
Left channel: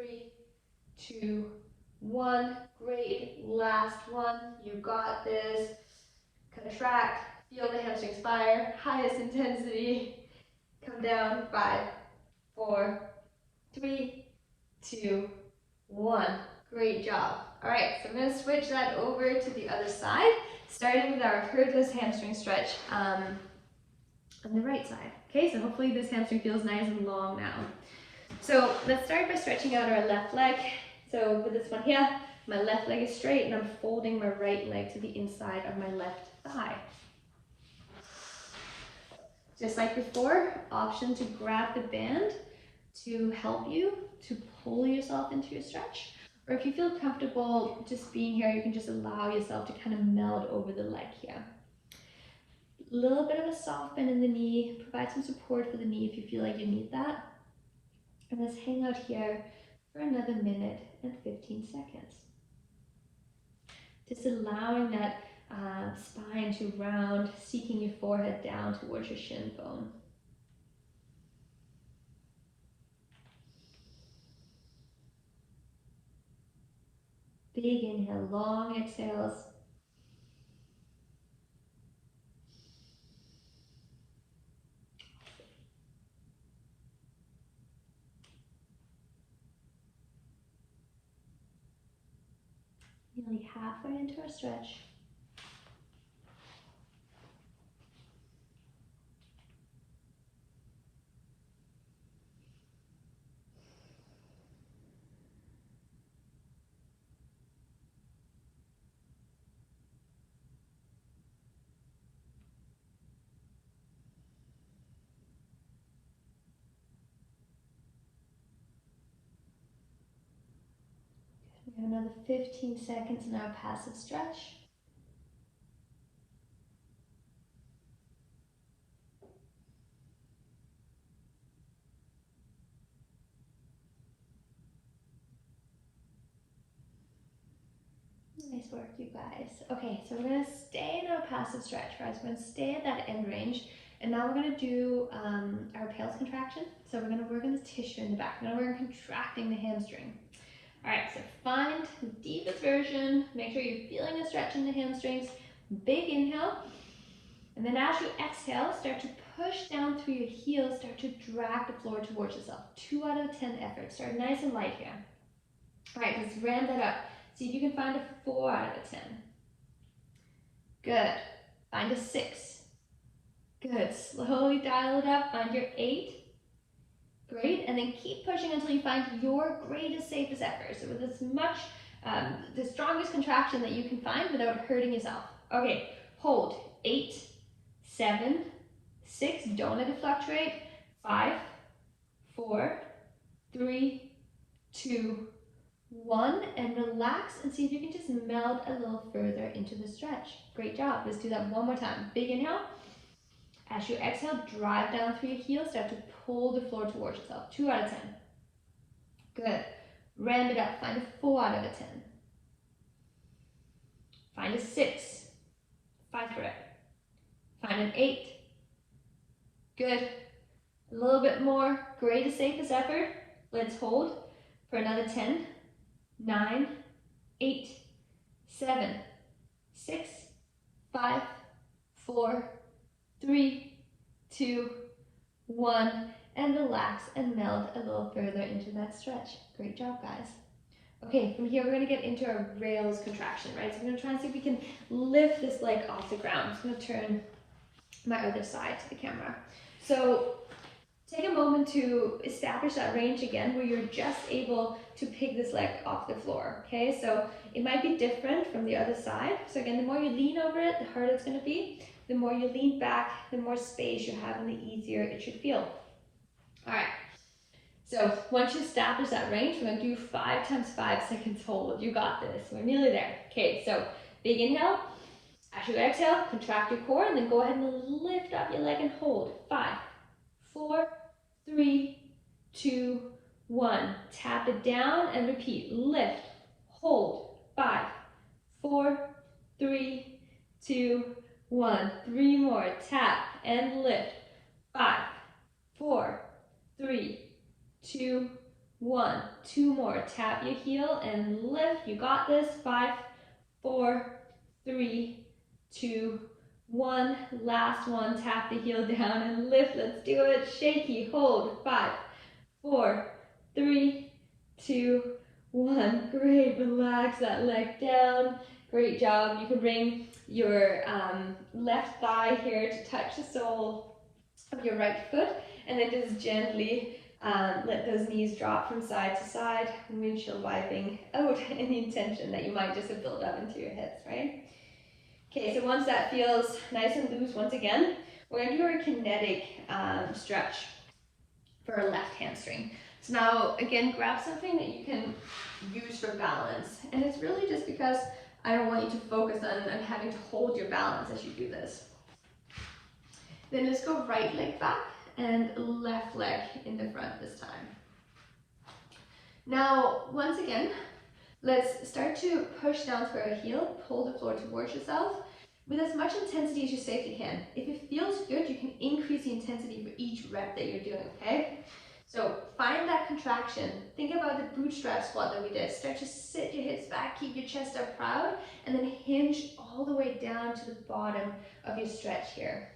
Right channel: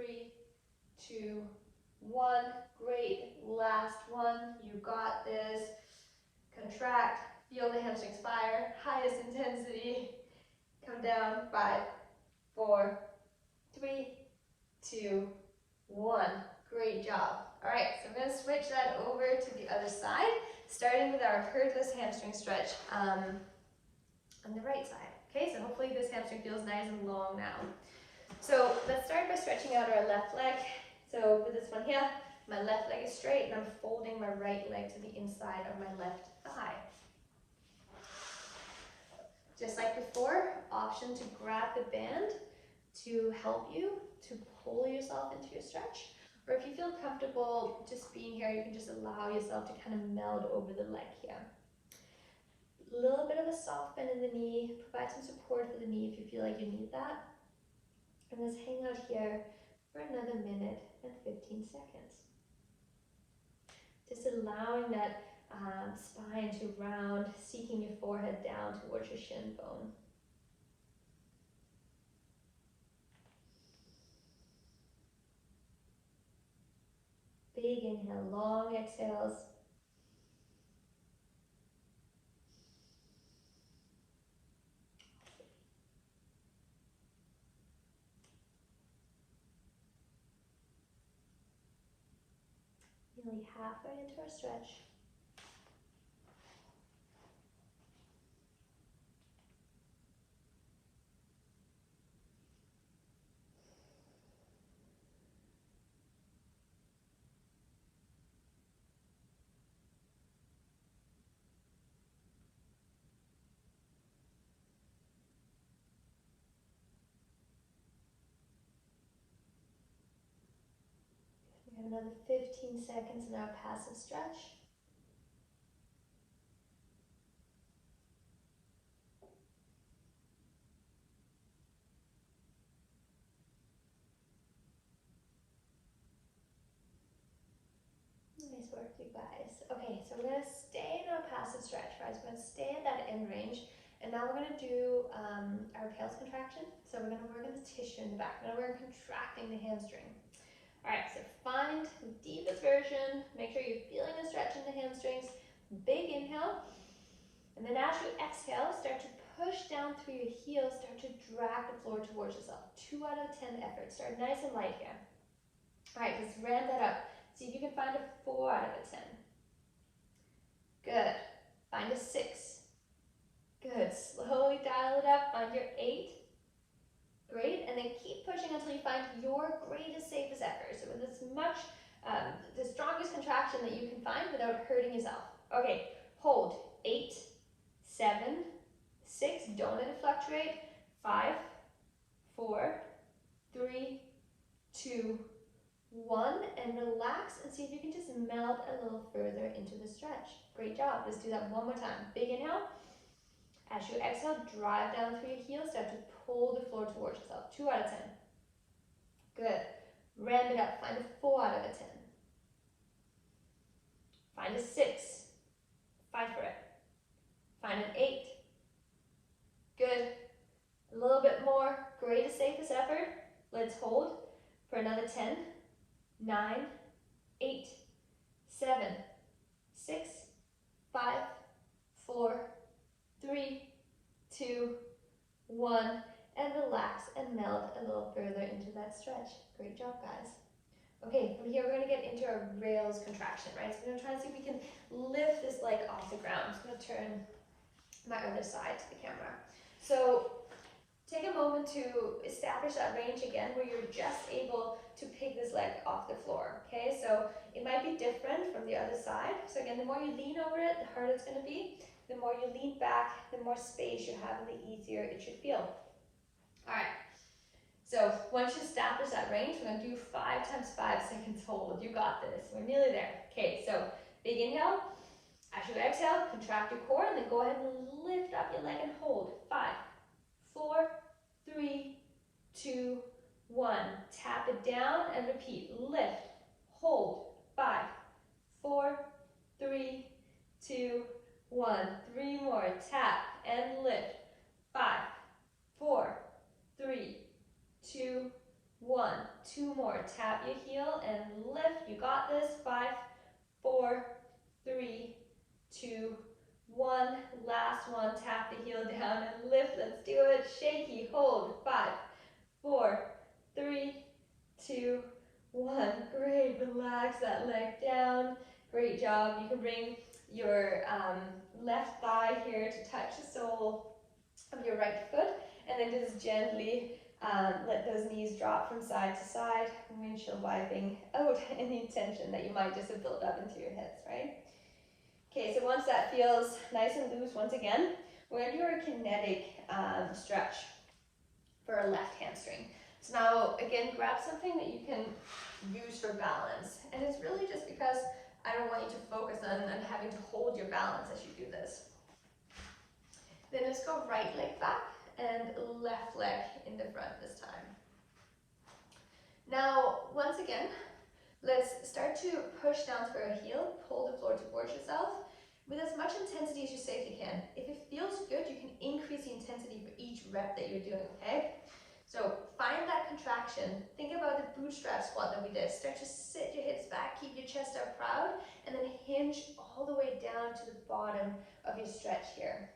2, 1. Great. Last one. You got this. Contract. Feel the hamstrings fire. Highest intensity. Come down. 5, 4, 3, 2, 1. Great job. All right, so we're gonna switch that over to the other side, starting with our hurdless hamstring stretch on the right side. Okay, so hopefully this hamstring feels nice and long now. So let's start by stretching out our left leg. So with this one here, my left leg is straight and I'm folding my right leg to the inside of my left thigh. Just like before, option to grab the band to help you to pull yourself into your stretch. Or if you feel comfortable just being here, you can just allow yourself to kind of meld over the leg here. A little bit of a soft bend in the knee, provide some support for the knee if you feel like you need that. And let's hang out here for another minute and 15 seconds. Just allowing that spine to round, seeking your forehead down towards your shin bone. Big inhale, long exhales. Nearly halfway into our stretch. We have another 15 seconds in our passive stretch. Nice work, you guys. Okay, so we're gonna stay in our passive stretch, right? So we're gonna stay at that end range, and now we're gonna do our patellar contraction. So we're gonna work on the tissue in the back. We're gonna work on contracting the hamstring. All right, so find the deepest version. Make sure you're feeling a stretch in the hamstrings. Big inhale, and then as you exhale, start to push down through your heels. Start to drag the floor towards yourself. 2 out of 10 effort. Start nice and light here. All right, let's ramp that up. See if you can find a 4 out of 10. Good. Find a 6. Good. Slowly dial it up. Find your 8. Great. And then keep pushing until you find your greatest, safest effort. So with as much, the strongest contraction that you can find without hurting yourself. Okay. Hold. 8, 7, 6. Don't let it fluctuate. 5, 4, 3, 2, 1, and relax and see if you can just meld a little further into the stretch. Great job. Let's do that one more time. Big inhale. As you exhale, drive down through your heels. Start to pull the floor towards yourself. 2 out of 10. Good. Ramp it up. Find a 4 out of a 10. Find a 6. Fight for it. Find an 8. Good. A little bit more. Greatest, safest effort. Let's hold for another 10. 9, 8, 7, 6, 5, 4, 3, 2, 1, and relax and meld a little further into that stretch. Great job, guys. Okay, from here we're going to get into our rails contraction, right? So I'm going to try and see if we can lift this leg off the ground. So I'm going to turn my other side to the camera. So take a moment to establish that range again where you're just able to pick this leg off the floor, okay? So it might be different from the other side. So again, the more you lean over it, the harder it's gonna be. The more you lean back, the more space you have and the easier it should feel. All right, so once you establish that range, we're gonna do 5 times 5 seconds hold. You got this, we're nearly there. Okay, so big inhale. As you exhale, contract your core and then go ahead and lift up your leg and hold. 5, 4, 3, 2, 1. Tap it down and repeat. Lift, hold. 5, 4, 3, 2, 1. 3 more. Tap and lift. 5, 4, 3, 2, 1. 2 more. Tap your heel and lift. You got this. 5, 4, 3, 2, 1. Last one. Tap the heel down and lift. Let's do it. Shaky. Hold. 5, 4, 3, 2, 1. Great, relax that leg down. Great job. You can bring your left thigh here to touch the sole of your right foot, and then just gently let those knees drop from side to side, windshield wiping out any tension that you might just have built up into your hips, right? Okay, so once that feels nice and loose, once again, we're going to do our kinetic stretch for our left hamstring. So now, again, grab something that you can use for balance. And it's really just because I don't want you to focus on having to hold your balance as you do this. Then just go right leg back and left leg in the front this time. Now, once again, let's start to push down through our heel, pull the floor towards yourself with as much intensity as you safely can. If it feels good, you can increase the intensity for each rep that you're doing, okay? So find that contraction. Think about the bootstrap squat that we did. Start to sit your hips back, keep your chest up proud, and then hinge all the way down to the bottom of your stretch here.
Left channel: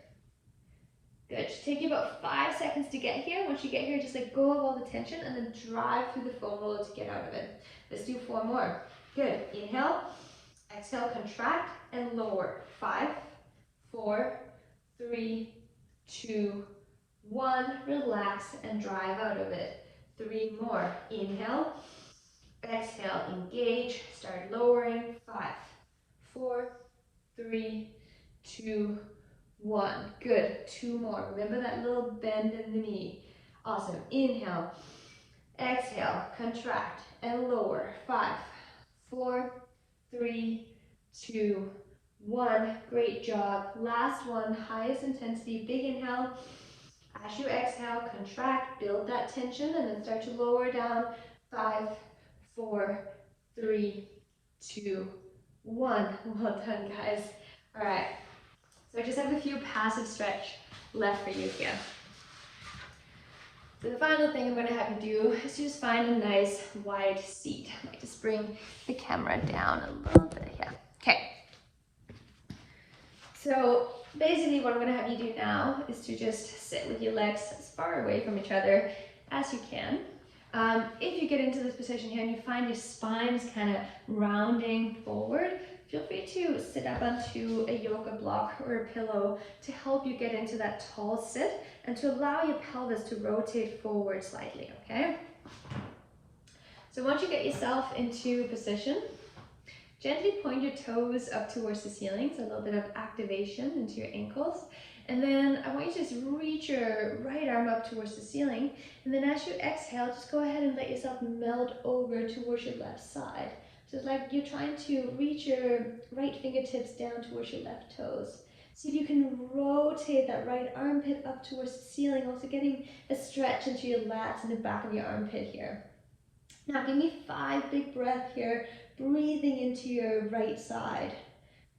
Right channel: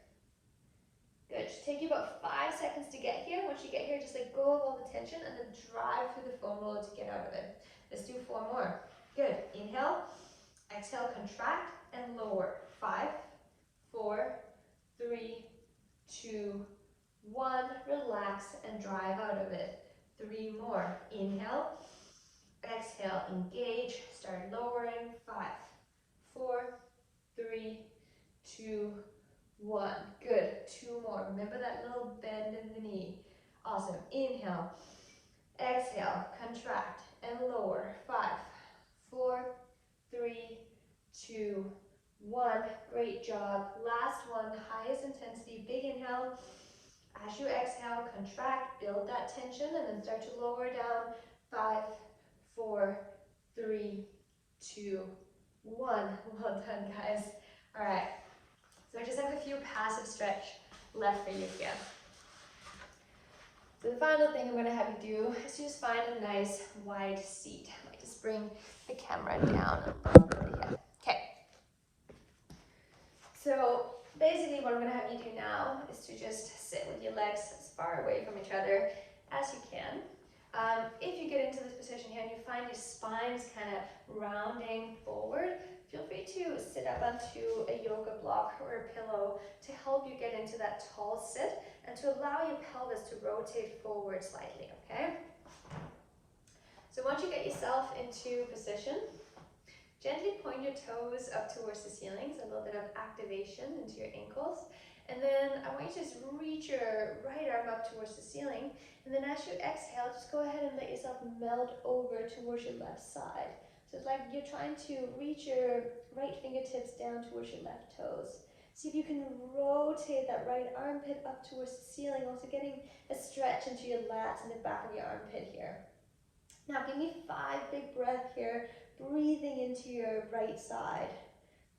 Good. Just take you about 5 seconds to get here. Once you get here, just let go of all the tension and then drive through the foam roller to get out of it. Let's do 4 more. Good. Inhale, exhale, contract and lower. 5, 4, 3, 2, 1. Relax and drive out of it. 3 more. Inhale, exhale, engage, start lowering. 5, 4, 3, 2, 1. Good. 2 more. Remember that little bend in the knee. Awesome. Inhale, exhale, contract and lower. 5, 4, 3, 2, 1. Great job. Last one, highest intensity, big inhale. As you exhale, contract, build that tension, and then start to lower down. 5, 4, 3, 2, 1. Well done, guys. All right. So I just have a few passive stretch left for you here. So the final thing I'm going to have you do is just find a nice wide seat. I might just bring the camera down a little bit here. Okay. So basically what I'm going to have you do now is to just sit with your legs as far away from each other as you can. If you get into this position here and you find your spine is kind of rounding forward, feel free to sit up onto a yoga block or a pillow to help you get into that tall sit and to allow your pelvis to rotate forward slightly, okay? So once you get yourself into position, gently point your toes up towards the ceiling, so a little bit of activation into your ankles. And then I want you to just reach your right arm up towards the ceiling. And then as you exhale, just go ahead and let yourself melt over towards your left side. So it's like you're trying to reach your right fingertips down towards your left toes. See if you can rotate that right armpit up towards the ceiling, also getting a stretch into your lats and the back of your armpit here. Now give me 5 big breaths here, breathing into your right side.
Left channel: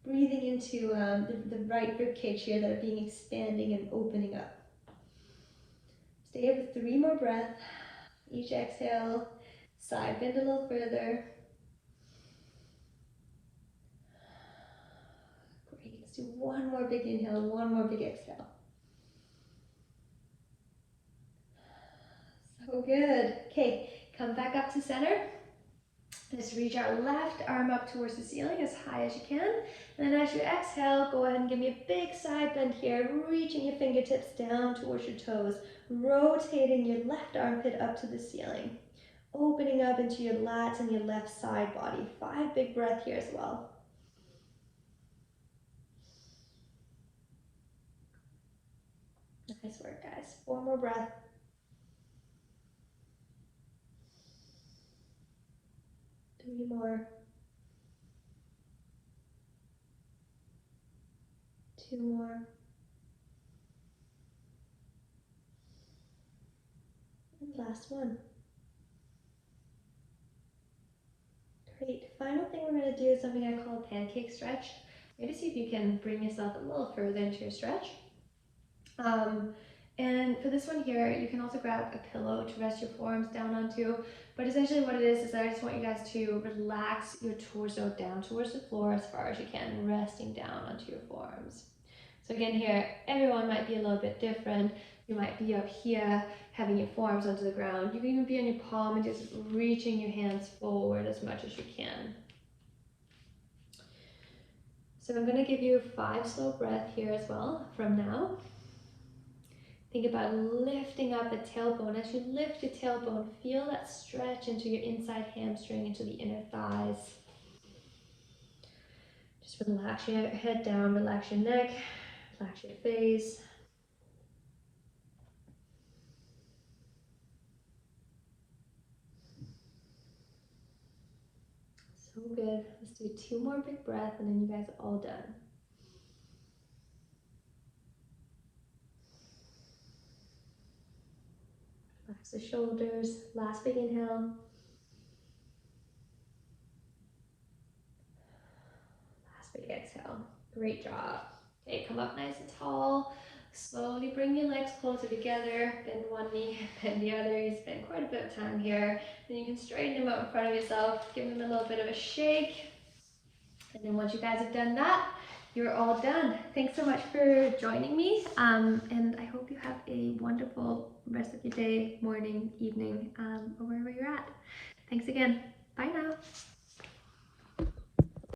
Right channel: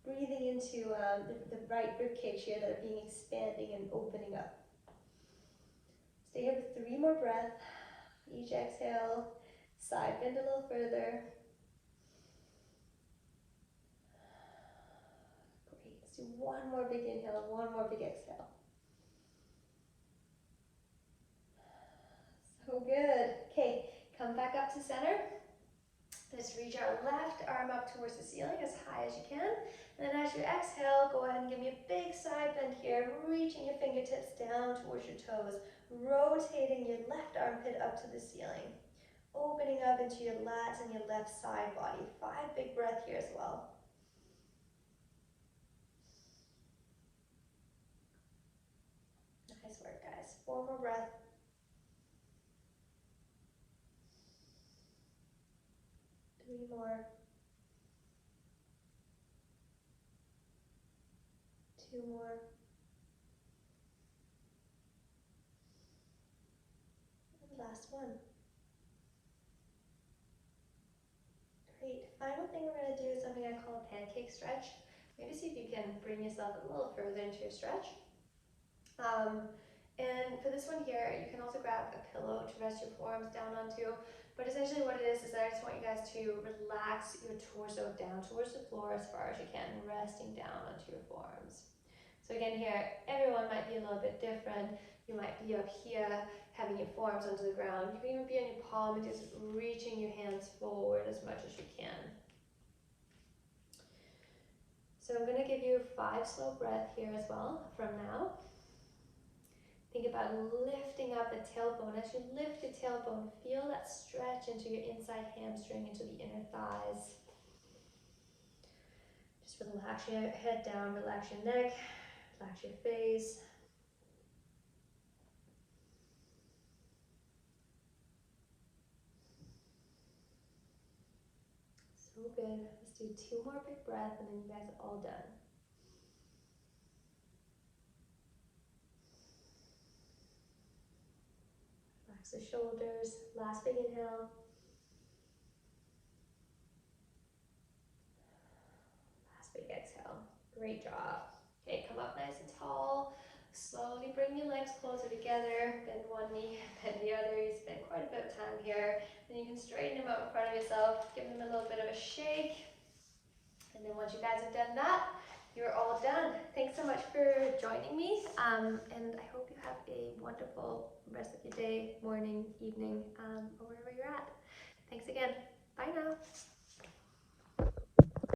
Breathing into the right rib cage here that are being expanding and opening up. Stay here for 3 more breaths. Each exhale, side bend a little further. Great. Let's do 1 more big inhale, 1 more big exhale. So good. Okay, come back up to center. Let's reach our left arm up towards the ceiling as high as you can. And then as you exhale, go ahead and give me a big side bend here, reaching your fingertips down towards your toes, rotating your left armpit up to the ceiling, opening up into your lats and your left side body. 5 big breaths here as well. Nice work, guys. 4 more breaths. 3 more. 2 more. And last one. Great. Final thing we're going to do is something I call a pancake stretch. Maybe see if you can bring yourself a little further into your stretch. And for this one here, you can also grab a pillow to rest your forearms down onto. But essentially what it is I just want you guys to relax your torso down towards the floor as far as you can, resting down onto your forearms. So again here, everyone might be a little bit different. You might be up here, having your forearms onto the ground. You can even be on your palm and just reaching your hands forward as much as you can. So I'm going to give you 5 slow breaths here as well from now. Think about lifting up the tailbone. As you lift your tailbone, feel that stretch into your inside hamstring, into the inner thighs. Just relax your head down, relax your neck, relax your face. So good. Let's do 2 more big breaths and then you guys are all done. Relax the shoulders. Last big inhale. Last big exhale. Great job. Okay, come up nice and tall. Slowly bring your legs closer together. Bend one knee, bend the other. You spend quite a bit of time here. Then you can straighten them out in front of yourself. Give them a little bit of a shake. And then once you guys have done that, you're all done. Thanks so much for joining me. And I hope you have a wonderful rest of your day, morning, evening, or wherever you're at. Thanks again.